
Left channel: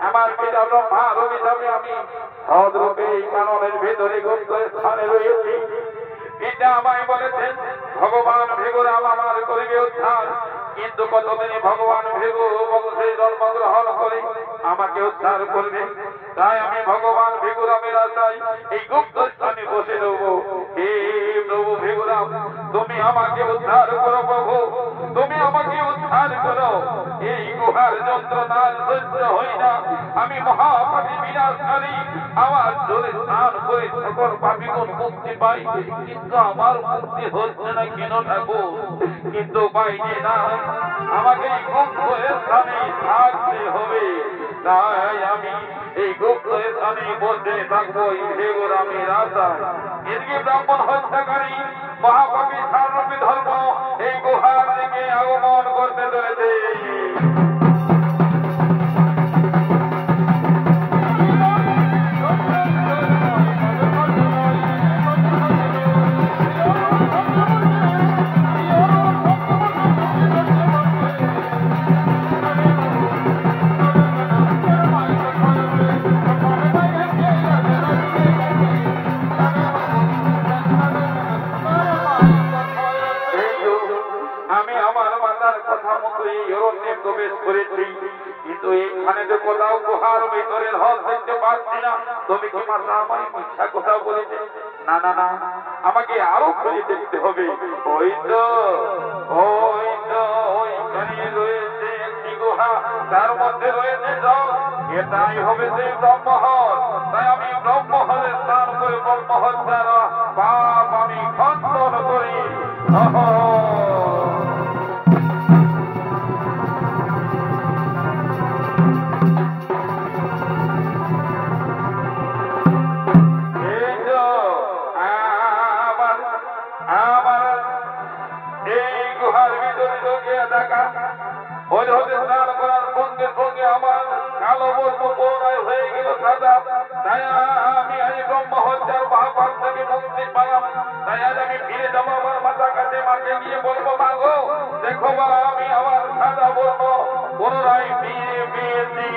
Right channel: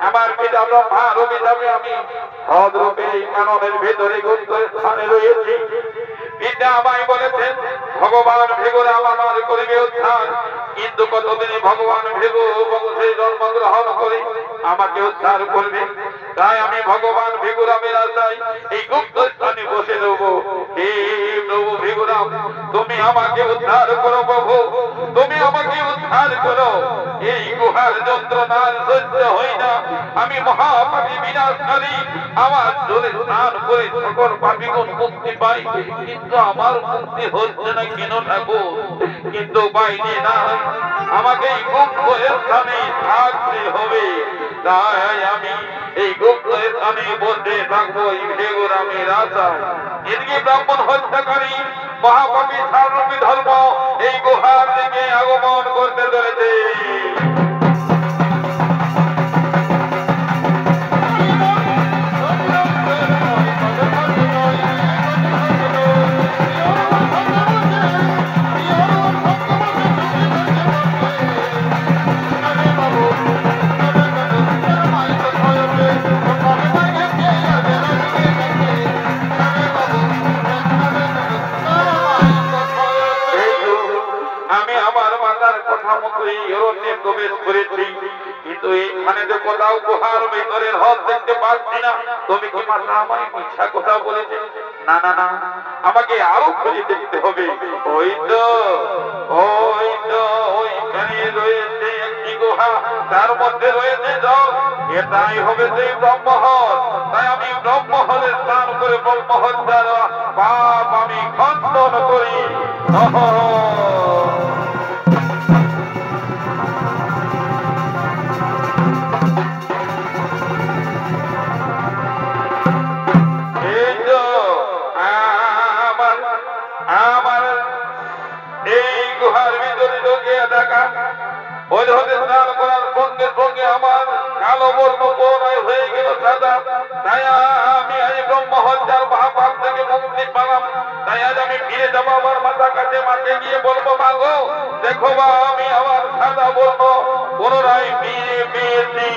আমার পিতা ব্রহ্মার অভিশাপে আমি হদরূপে এই কাননের ভেতরে স্থানে রয়েছি। পিতা আমায় বলেছেন, ভগবান ভেগরাম আমার করিবে উদ্ধার, কিন্তু কতদিনে ভগবান ভেবো বংশে জন্মগ্রহণ করে আমাকে উদ্ধার করবে। তাই আমি ভগবান ভিগুরামের আশায় এই গুপ্ত স্থানে বসে দেবো। হে প্রভু ভিগুরাম, তুমি আমাকে উদ্ধার করো প্রভু, তুমি আমাকে উদ্ধার করো। এই গুহার যন্ত্রণার সহ্য হয় না, আমি মহাপাপী বিনাশকারী। আমার জলে স্নান করে সকল পাপীগণ মুক্তি পাই, কিন্তু আমার মুক্তি হচ্ছে না কেন ঠাকুর? কিন্তু বাইরে না, আমাকে এই গুপ্ত স্থানে থাকতে হবে। তাই আমি এই গুপ্ত স্থানে বসে থাকবো এই ভিগুরামের আশায়। এদিকে ব্রাহ্মণ হত্যাকারী মহাপাপী সারূপী ধর্ম এই গুহার দিকে আগমন করতে চলেছে। আমি আমার মাতার কথা মতোই অরণ্যে প্রবেশ করেছি, কিন্তু এখানে তো কোথাও গুহার ভিতরের হল দেখতে পাচ্ছি না। তুমি কি মাতা আমার মিথ্যা কথা বলেছে? না না না, আমাকে আরো খুঁজে দেখতে হবে। ওই তো ওইখানে রয়েছে একটি গুহা, তার মধ্যে রয়েছে জল, এটাই হবে সেই ব্রহ্মহল। তাই আমি ব্রহ্মহলে স্নান করে ব্রহ্মহল দ্বারা পাপ আমি খণ্ডন করি। এই গুহার ভিতরে ঢুকে দেখা হতে হতে স্নান করার সঙ্গে সঙ্গে আমার কালো বর্ণ পুনরায় হয়ে গেল সাদা। তাই আমি আজ ব্রহ্মহত্যার মহাপাপ থেকে মুক্তি পেলাম। তাই আজ আমি ফিরে যাবো আমার মাতা কাছে, মাকে গিয়ে বলবো, মা গো দেখো মা, আমি আমার সাদা বর্ণ পুনরায় ফিরে পেয়েছি।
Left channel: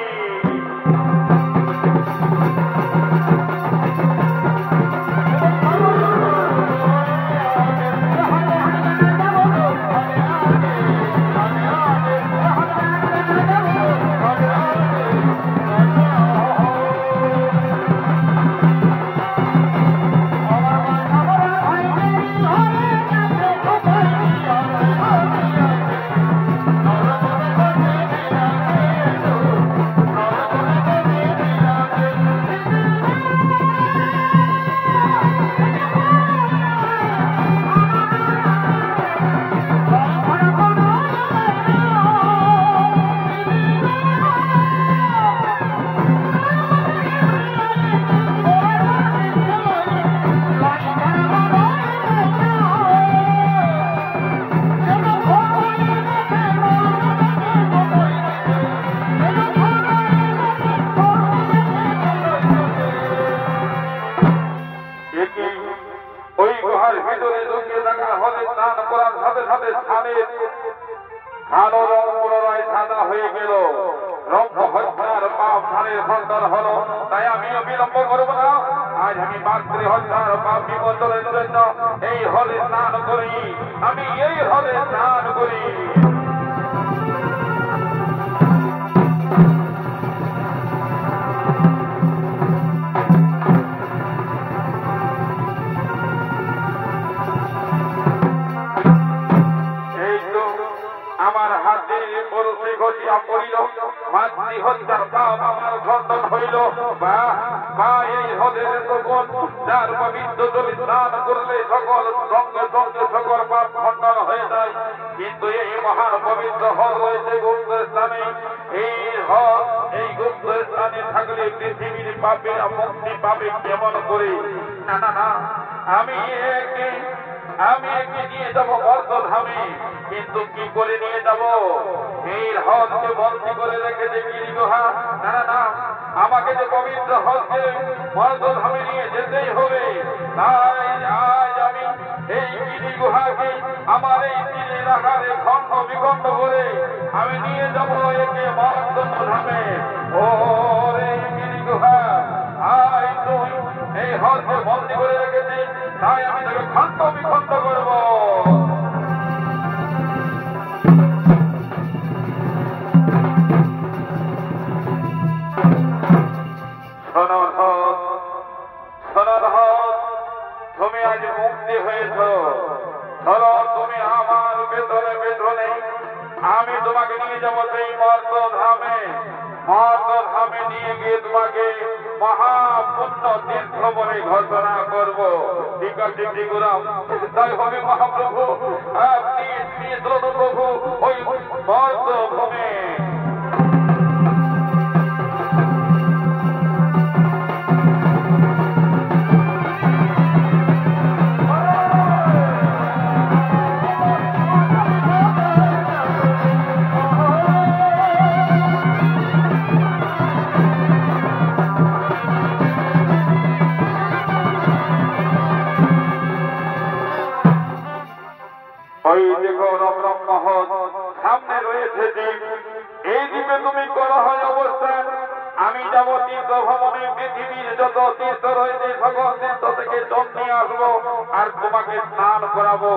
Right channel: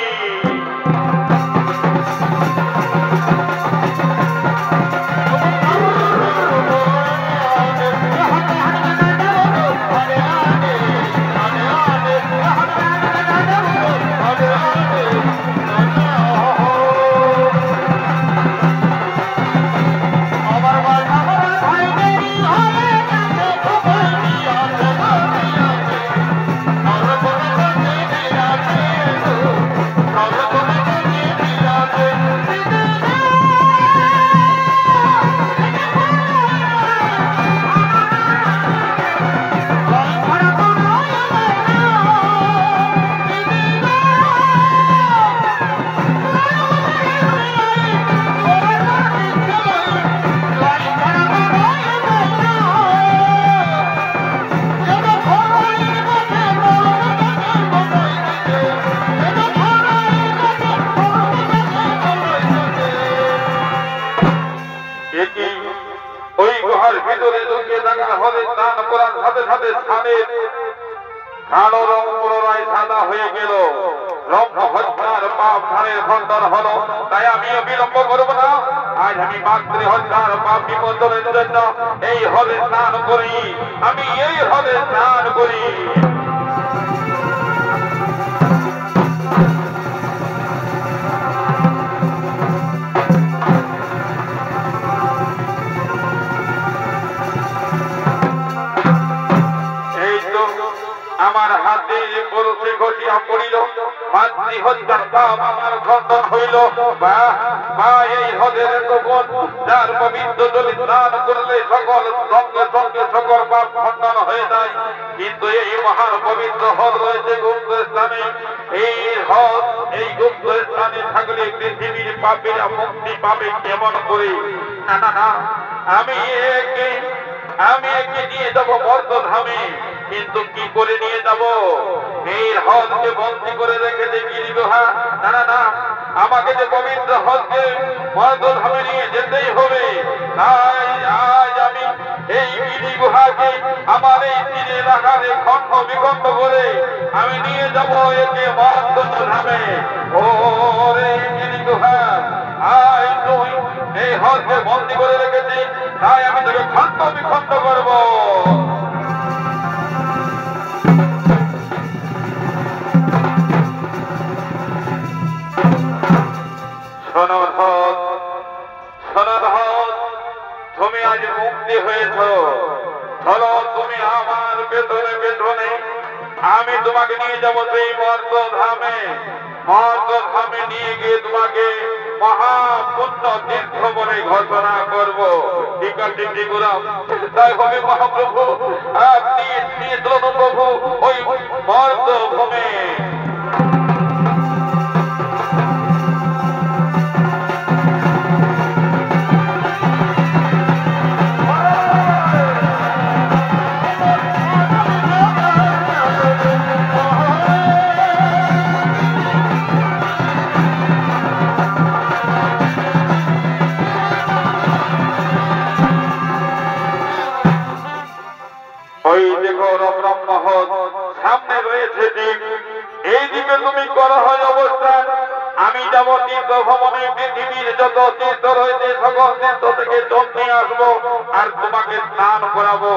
ওই গুহার ভিতরে ঢুকে দেখা হলে স্নান করার সাথে সাথে স্নানের কালো রং পুনরায় সাদা হয়ে গেল। ব্রহ্মহত্যার পাপ স্নানের খণ্ডন হলো। তাই আমিও বিলম্ব করবো না, আজ আমি মাতৃ হত্যার পাপ বিমোচনের জন্য এই হলে স্নান করি, আমি এই হলে স্নান করি। আমার হাতে পরশে ঘটিয়া পড়িল, মাতৃ হত্যার পাপ আমার খণ্ডন হইল। বা এই হদের তখন যার পবিত্র জলে স্নান করলে সকল সঙ্গে সঙ্গে সকল পাপ খণ্ডন হয়ে যায়। কিন্তু এই মহান পবিত্র হল রয়েছে গুপ্ত স্থানে। এই হল এই গুপ্ত স্থানে থাকলে পৃথিবীর পাপেরা মুক্তি পাবে কেমন করে? না না না, আমি একে নিয়ে যাবো মর্তধামে। কিন্তু কি করে নিয়ে যাব? এই হলকে বন্দী করে রেখেছে গিরি গুহা। না না না, আমাকে যে পবিত্র হলকে মর্তধামে নিয়ে যেতেই হবে। তাই আজ আমি এই গিরি গুহাকে আমার এই তীরের আকারে খণ্ড বিখণ্ড করে আমি নিয়ে যাব একে মর্তধামে। ও রে গিরি গুহা, আয় তুই এই হলকে বন্দী করে রেখেছি, তাই আমি তোকে খণ্ড বিখণ্ড করবো। তোমাকে নিয়ে যাবো সেই মর্তধামে নিয়ে গিয়ে তোমাকে মহাপুণ্য তীর্থ বলে ঘোষণা করবো। ঠিক আছে ঠিকুরাম, তাই হবে মহাপ্রভু আপনি প্রভু ওই মর্তভূমে ওই দেখো রমরম মহল সামনে রয়েছে দ্বীপ, এই দ্বীপে তুমি করো হয় অবস্থান। আমি যাব তীর্থ ভ্রমণে, পৃথিবীর যত তীর্থ রয়েছে সকল তীর্থ থেকে জল নিয়ে আসবো আর তোমাকে স্নান করাবো।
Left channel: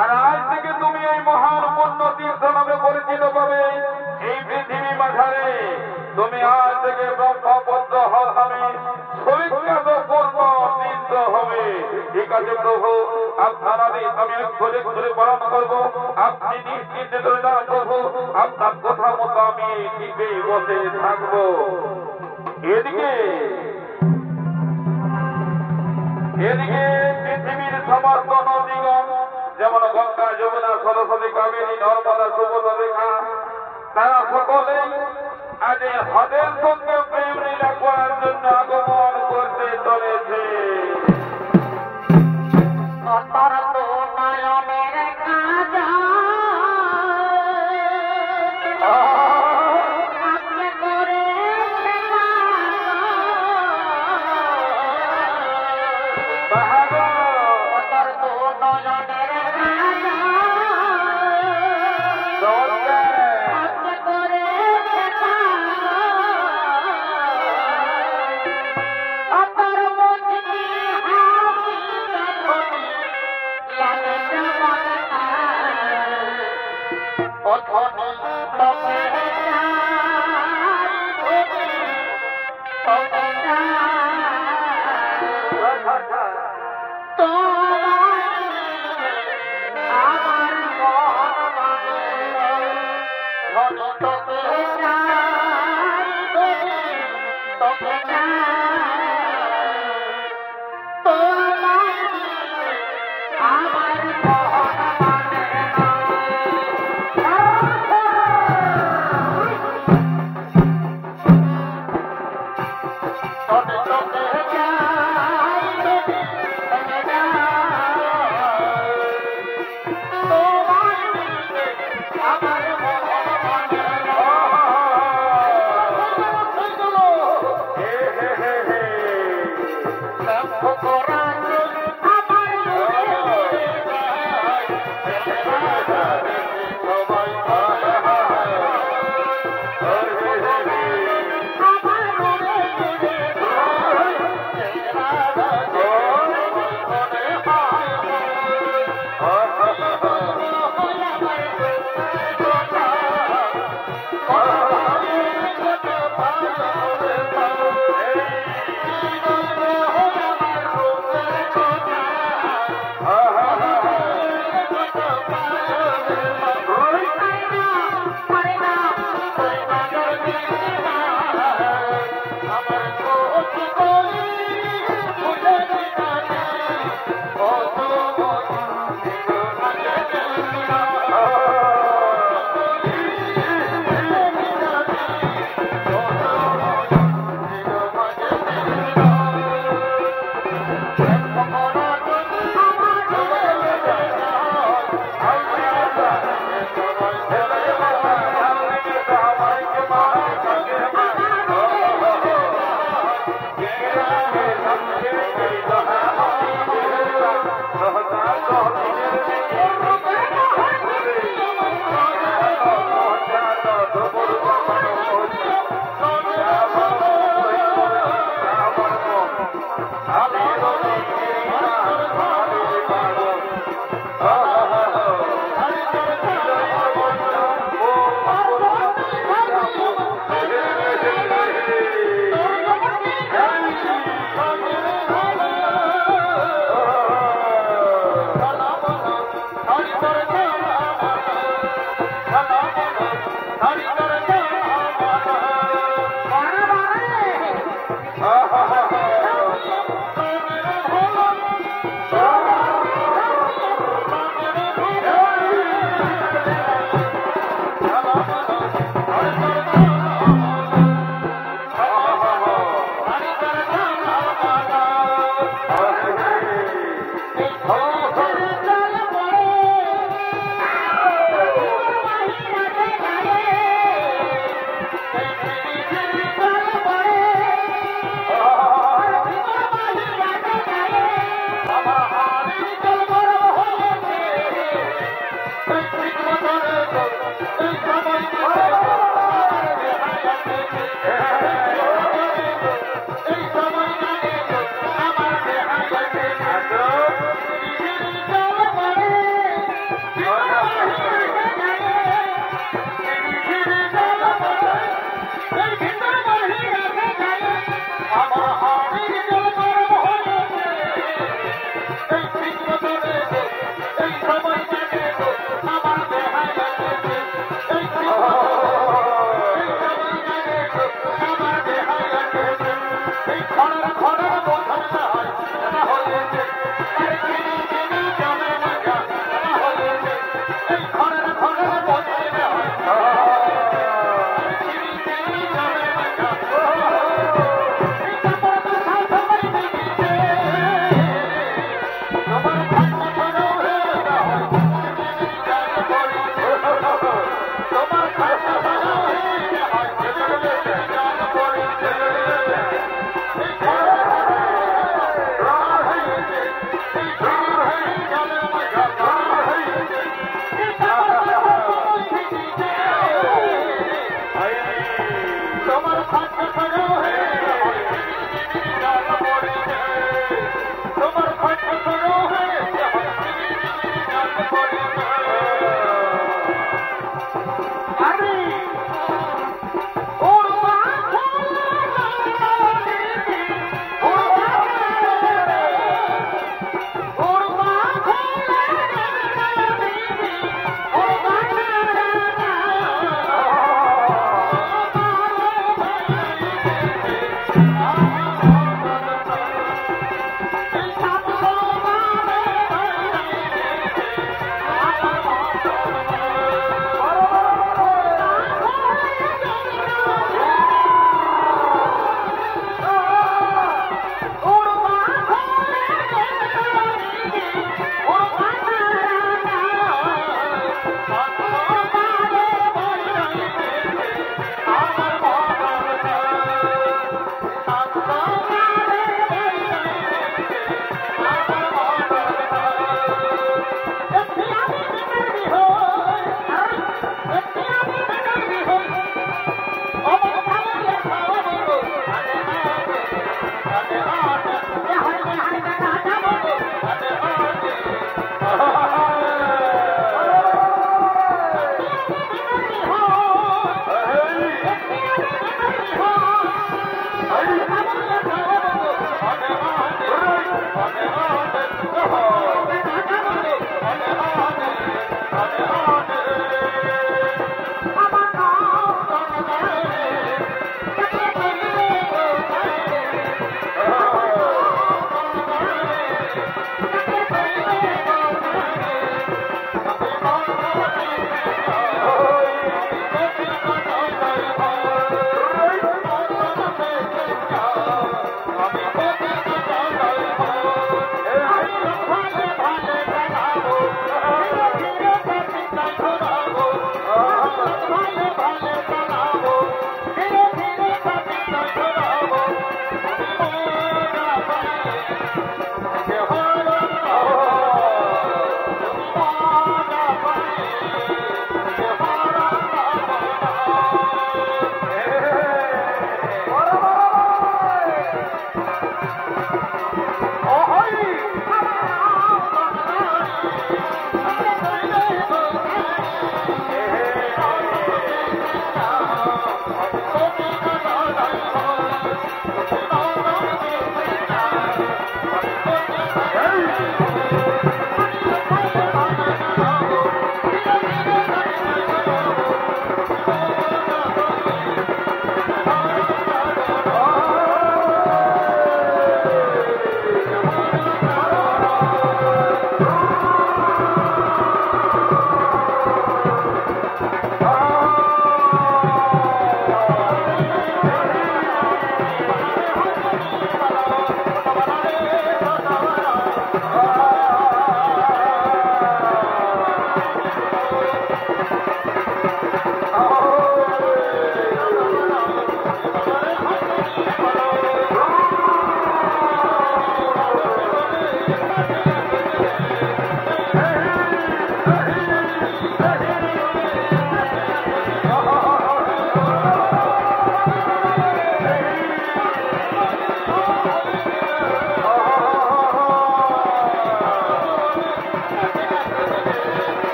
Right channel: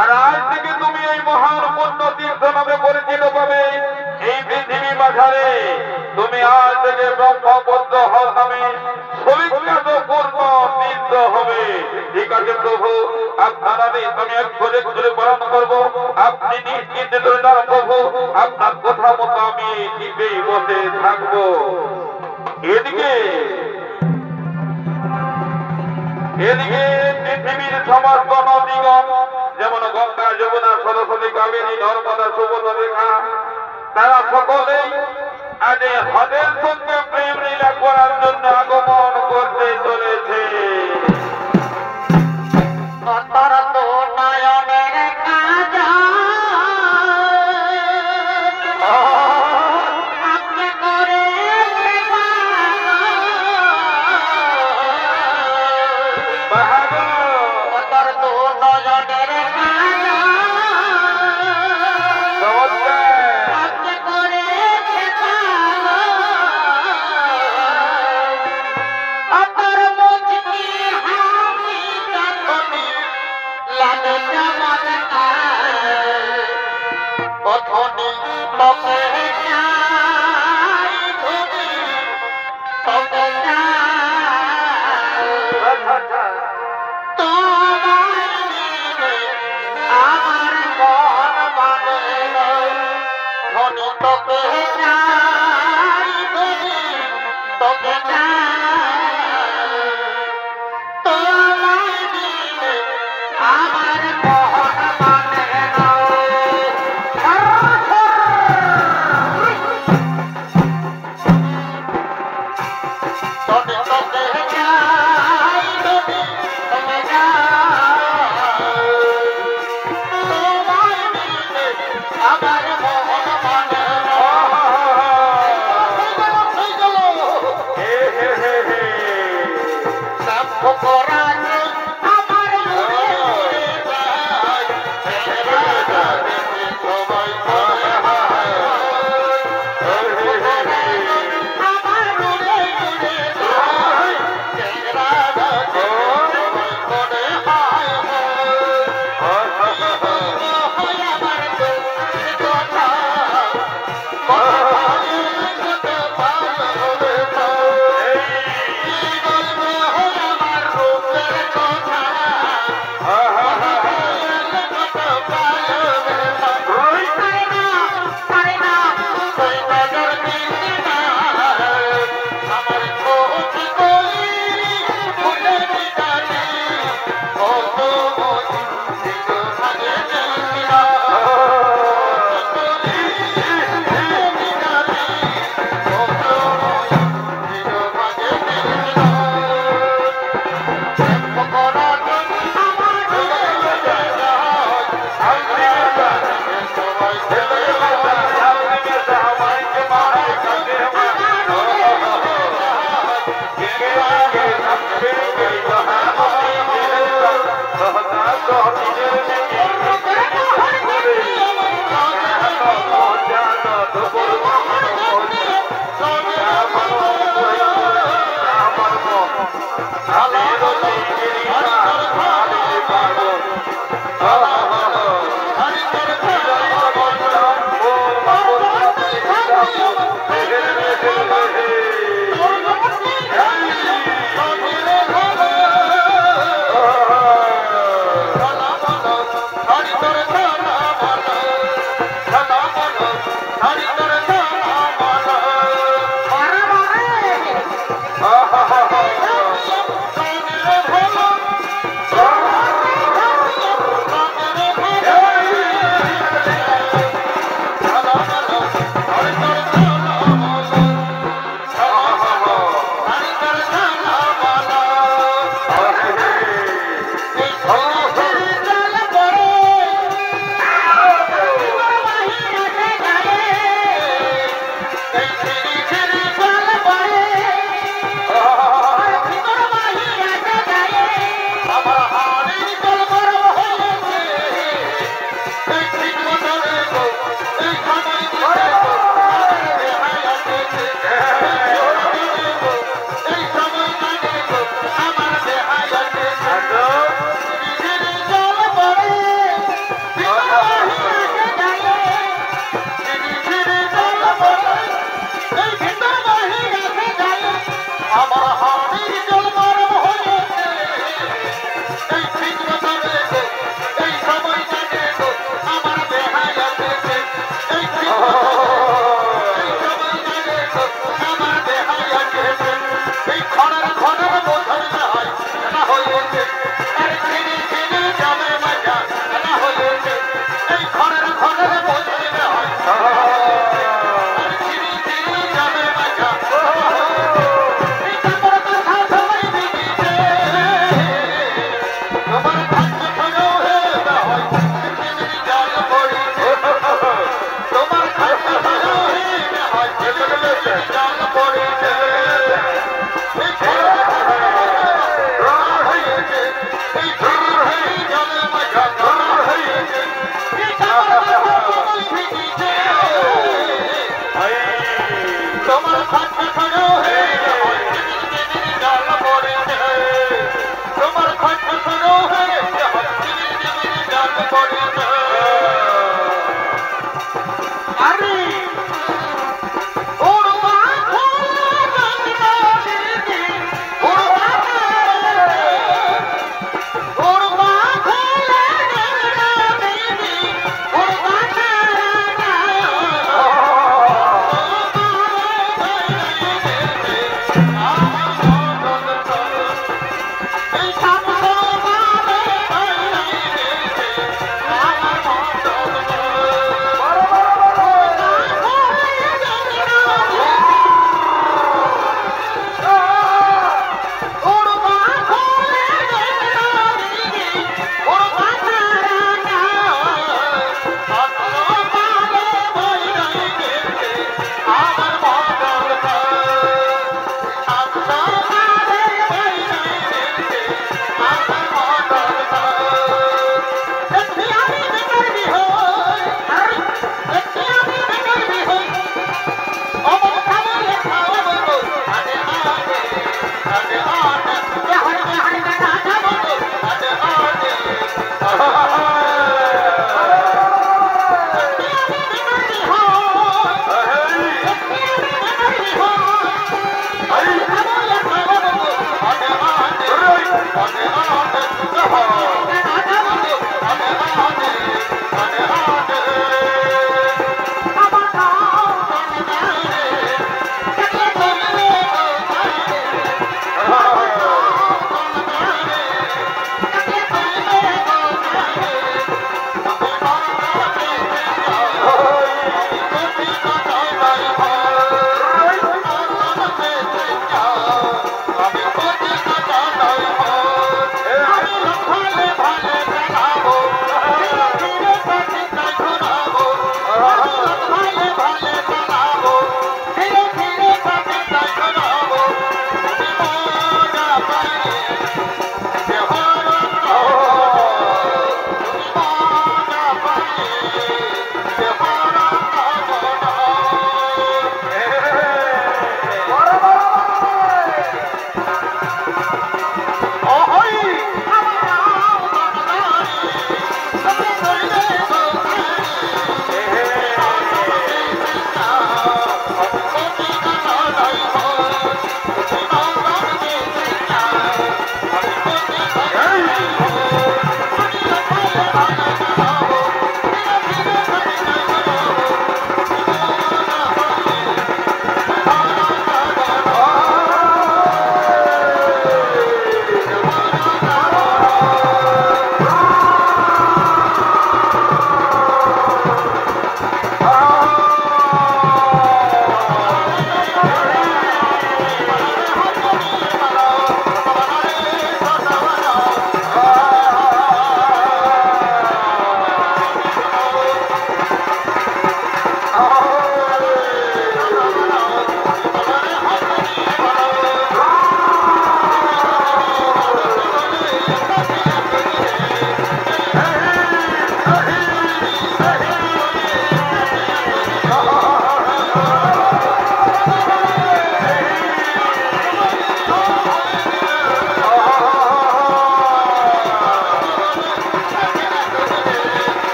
আর আজ থেকে তুমি এই মহান পুণ্য তীর্থ নামে পরিচিত পাবে এই পৃথিবী মাঝারে। তুমি আজ থেকে ব্রহ্মপুত্র হল নামে সবিখ্যাত পূর্ণ তীর্থ হবে। ঠিক আছে প্রভু, আপনার আমি এক করে করে পালন করবো। আপনি নিশ্চিন্ত করে না প্রভু, আপনার কথা মতো আমি নিজেই বসে থাকবো। এদিকে পৃথিবীর সমস্ত নদীগণ যেমন গঙ্গা, যমুনা, সরস্বতী, কাবেরী, নর্মদা, সুবর্ণরেখা, তারা সকলেই আজ হদের সঙ্গে প্রেম লীলা করার জন্য আগমন করতে চলেছে। Apar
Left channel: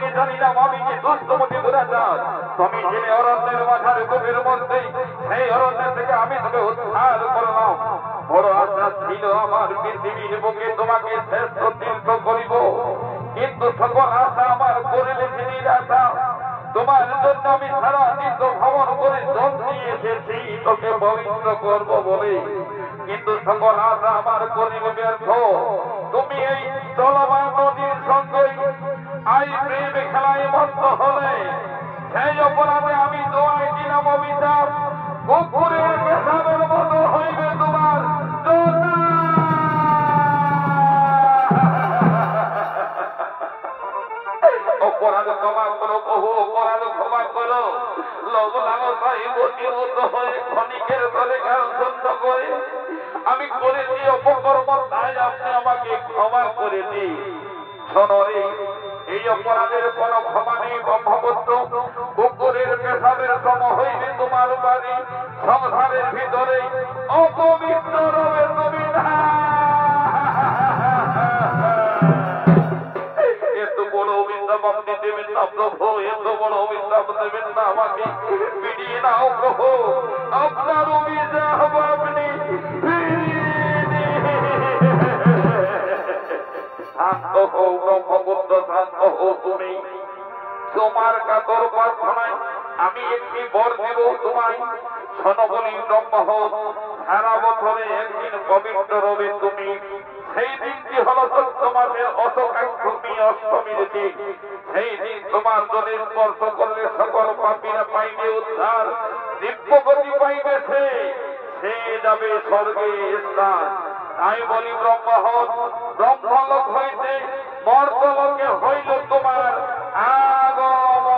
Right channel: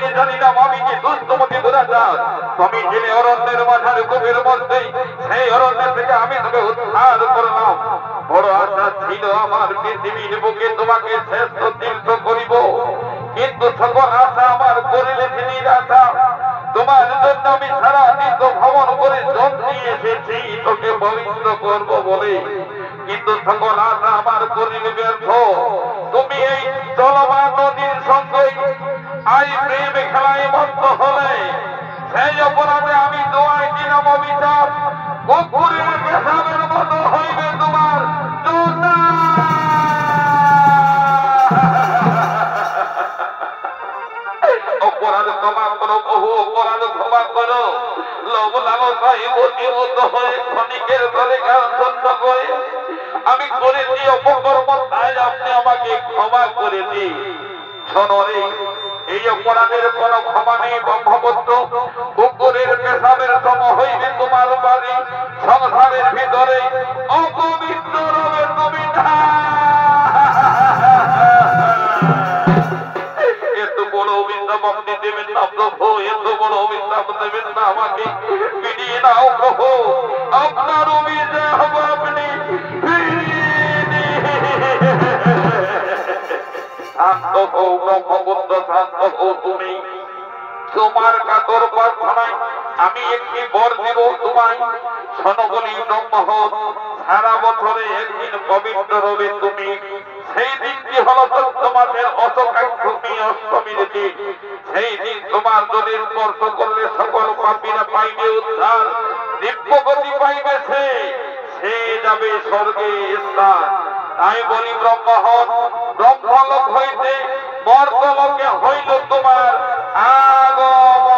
কোকিনি জানি না আমি কি দুষ্টমতি দুরাচার তুমি জেনে অরণ্যের মাঝার গভীর মধ্যে সেই অরণ্যের থেকে আমি তোকে উদ্ধার করলাম বড় আশা ছিল আমার পৃথিবীর বুকে তোমাকে শ্রেষ্ঠ তীর্থ করিব কিন্তু সকল আশা আমার করিলে নিরাশা তোমার জন্য আমি সারা তীর্থ ভ্রমণ করে জন নিয়ে এসেছি তোকে পবিত্র করবো বলে কিন্তু সকল আশা আমার করিলে ব্যর্থ তুমি এই চলমান নদীর সঙ্গে আই প্রেম খেলায় মত্ত হলে সেই অপরাধে আমি দোয়াই দিলাম অভিশাপ কুকুরের পেশাবের মতো হইবে তোমার জোতা। অপরাধ ক্ষমা করো বহু অপরাধ ক্ষমা করো লোভ লালসায় মতিমত হয়ে ক্ষণিকের তলে গান সত্য করে আমি করেছি অপকর্ম তাই আপনি আমাকে ক্ষমা করে দিন। শোনরে এই অপরাধের কোন ক্ষমা নেই ব্রহ্মপুত্র কুকুরের পেশাবের সম হইবে তোমার বাড়ি সংসারের ভিতরে অপবিত্র রবে তুমি না। এত বড় অভিশাপ আপনি দেবেন না প্রভু এত বড় অভিশাপ দেবেন না আমাকে ফিরিয়ে নাও প্রভু আপনার অভিশাপ আপনি শান্ত হও ব্রহ্মপুত্র শান্ত হও তুমি তোমার কাতর প্রার্থনায় আমি একটি বর দেব তোমায় শোনো বলি ব্রহ্ম সারা বছরে একদিন পবিত্র রবে তুমি সেই দিনটি হলো চৈত্র মাসের অষ্টমী অষ্টমীর দিন সেই দিন তোমার জলে স্পর্শ করলে সকল পাপীরা পাইবে উদ্ধার দিব্যগতি পাইবে সে যাবে স্বর্গে স্থান। তাই বলি ব্রহ্মলোক হইতে মর্তলোকে হইল তোমার আগমন।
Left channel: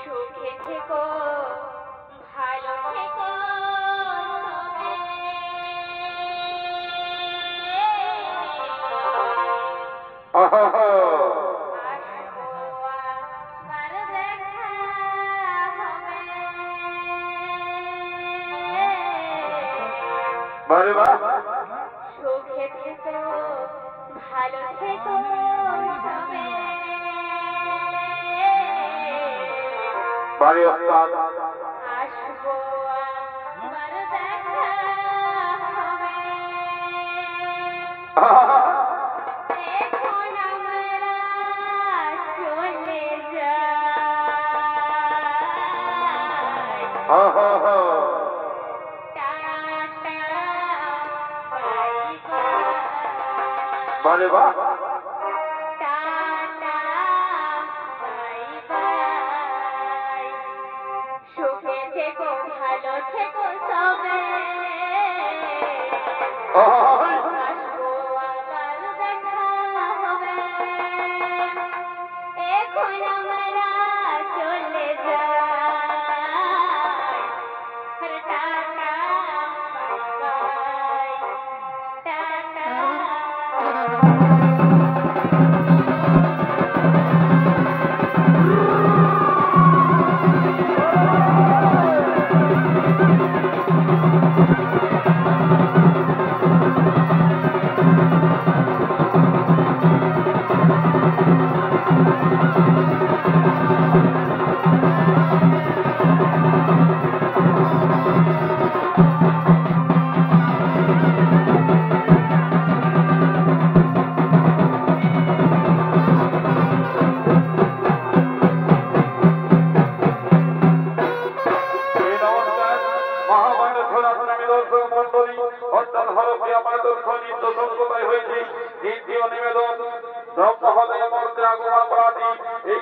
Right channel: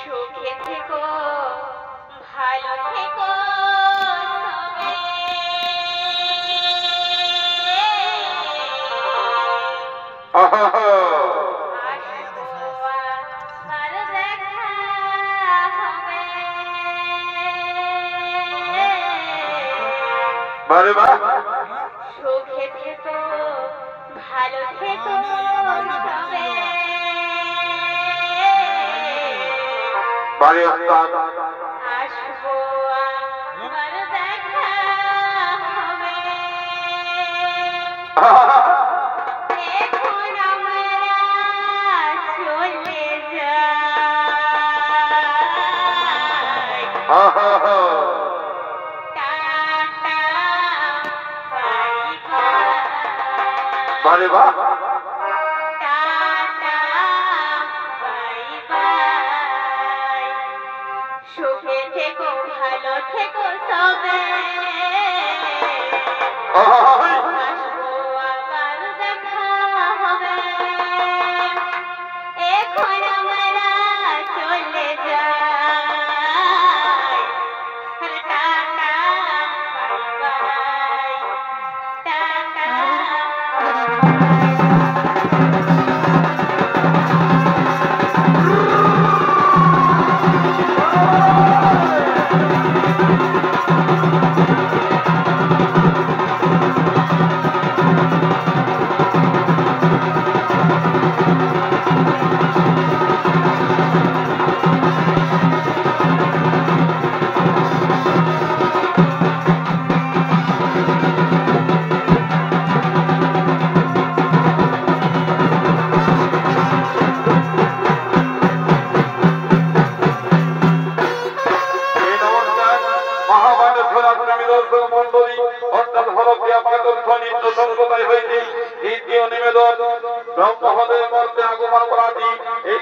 সুখে থেকো ভালো থেকো তবে আসবো আবার দেখা হবে। বারে বাহ সুখে থেকো ভালো থেকো তবে বারে ওস্তাদ আসবো আবার দেখা হবে। এখন আমরা চলে যাই টাটা বাই বাই বারে বাহ টাটা বাই বাই সুখে থেকো ভালো থেকো তবে আসবো আবার দেখা হবে। এখন আমরা চলে যাই টাটা বাই বাই টাটা। সম্প্রদায় হইতে দ্বিতীয় নিবেদন ব্রহ্মহদের মধ্যে আগমন করাটি এই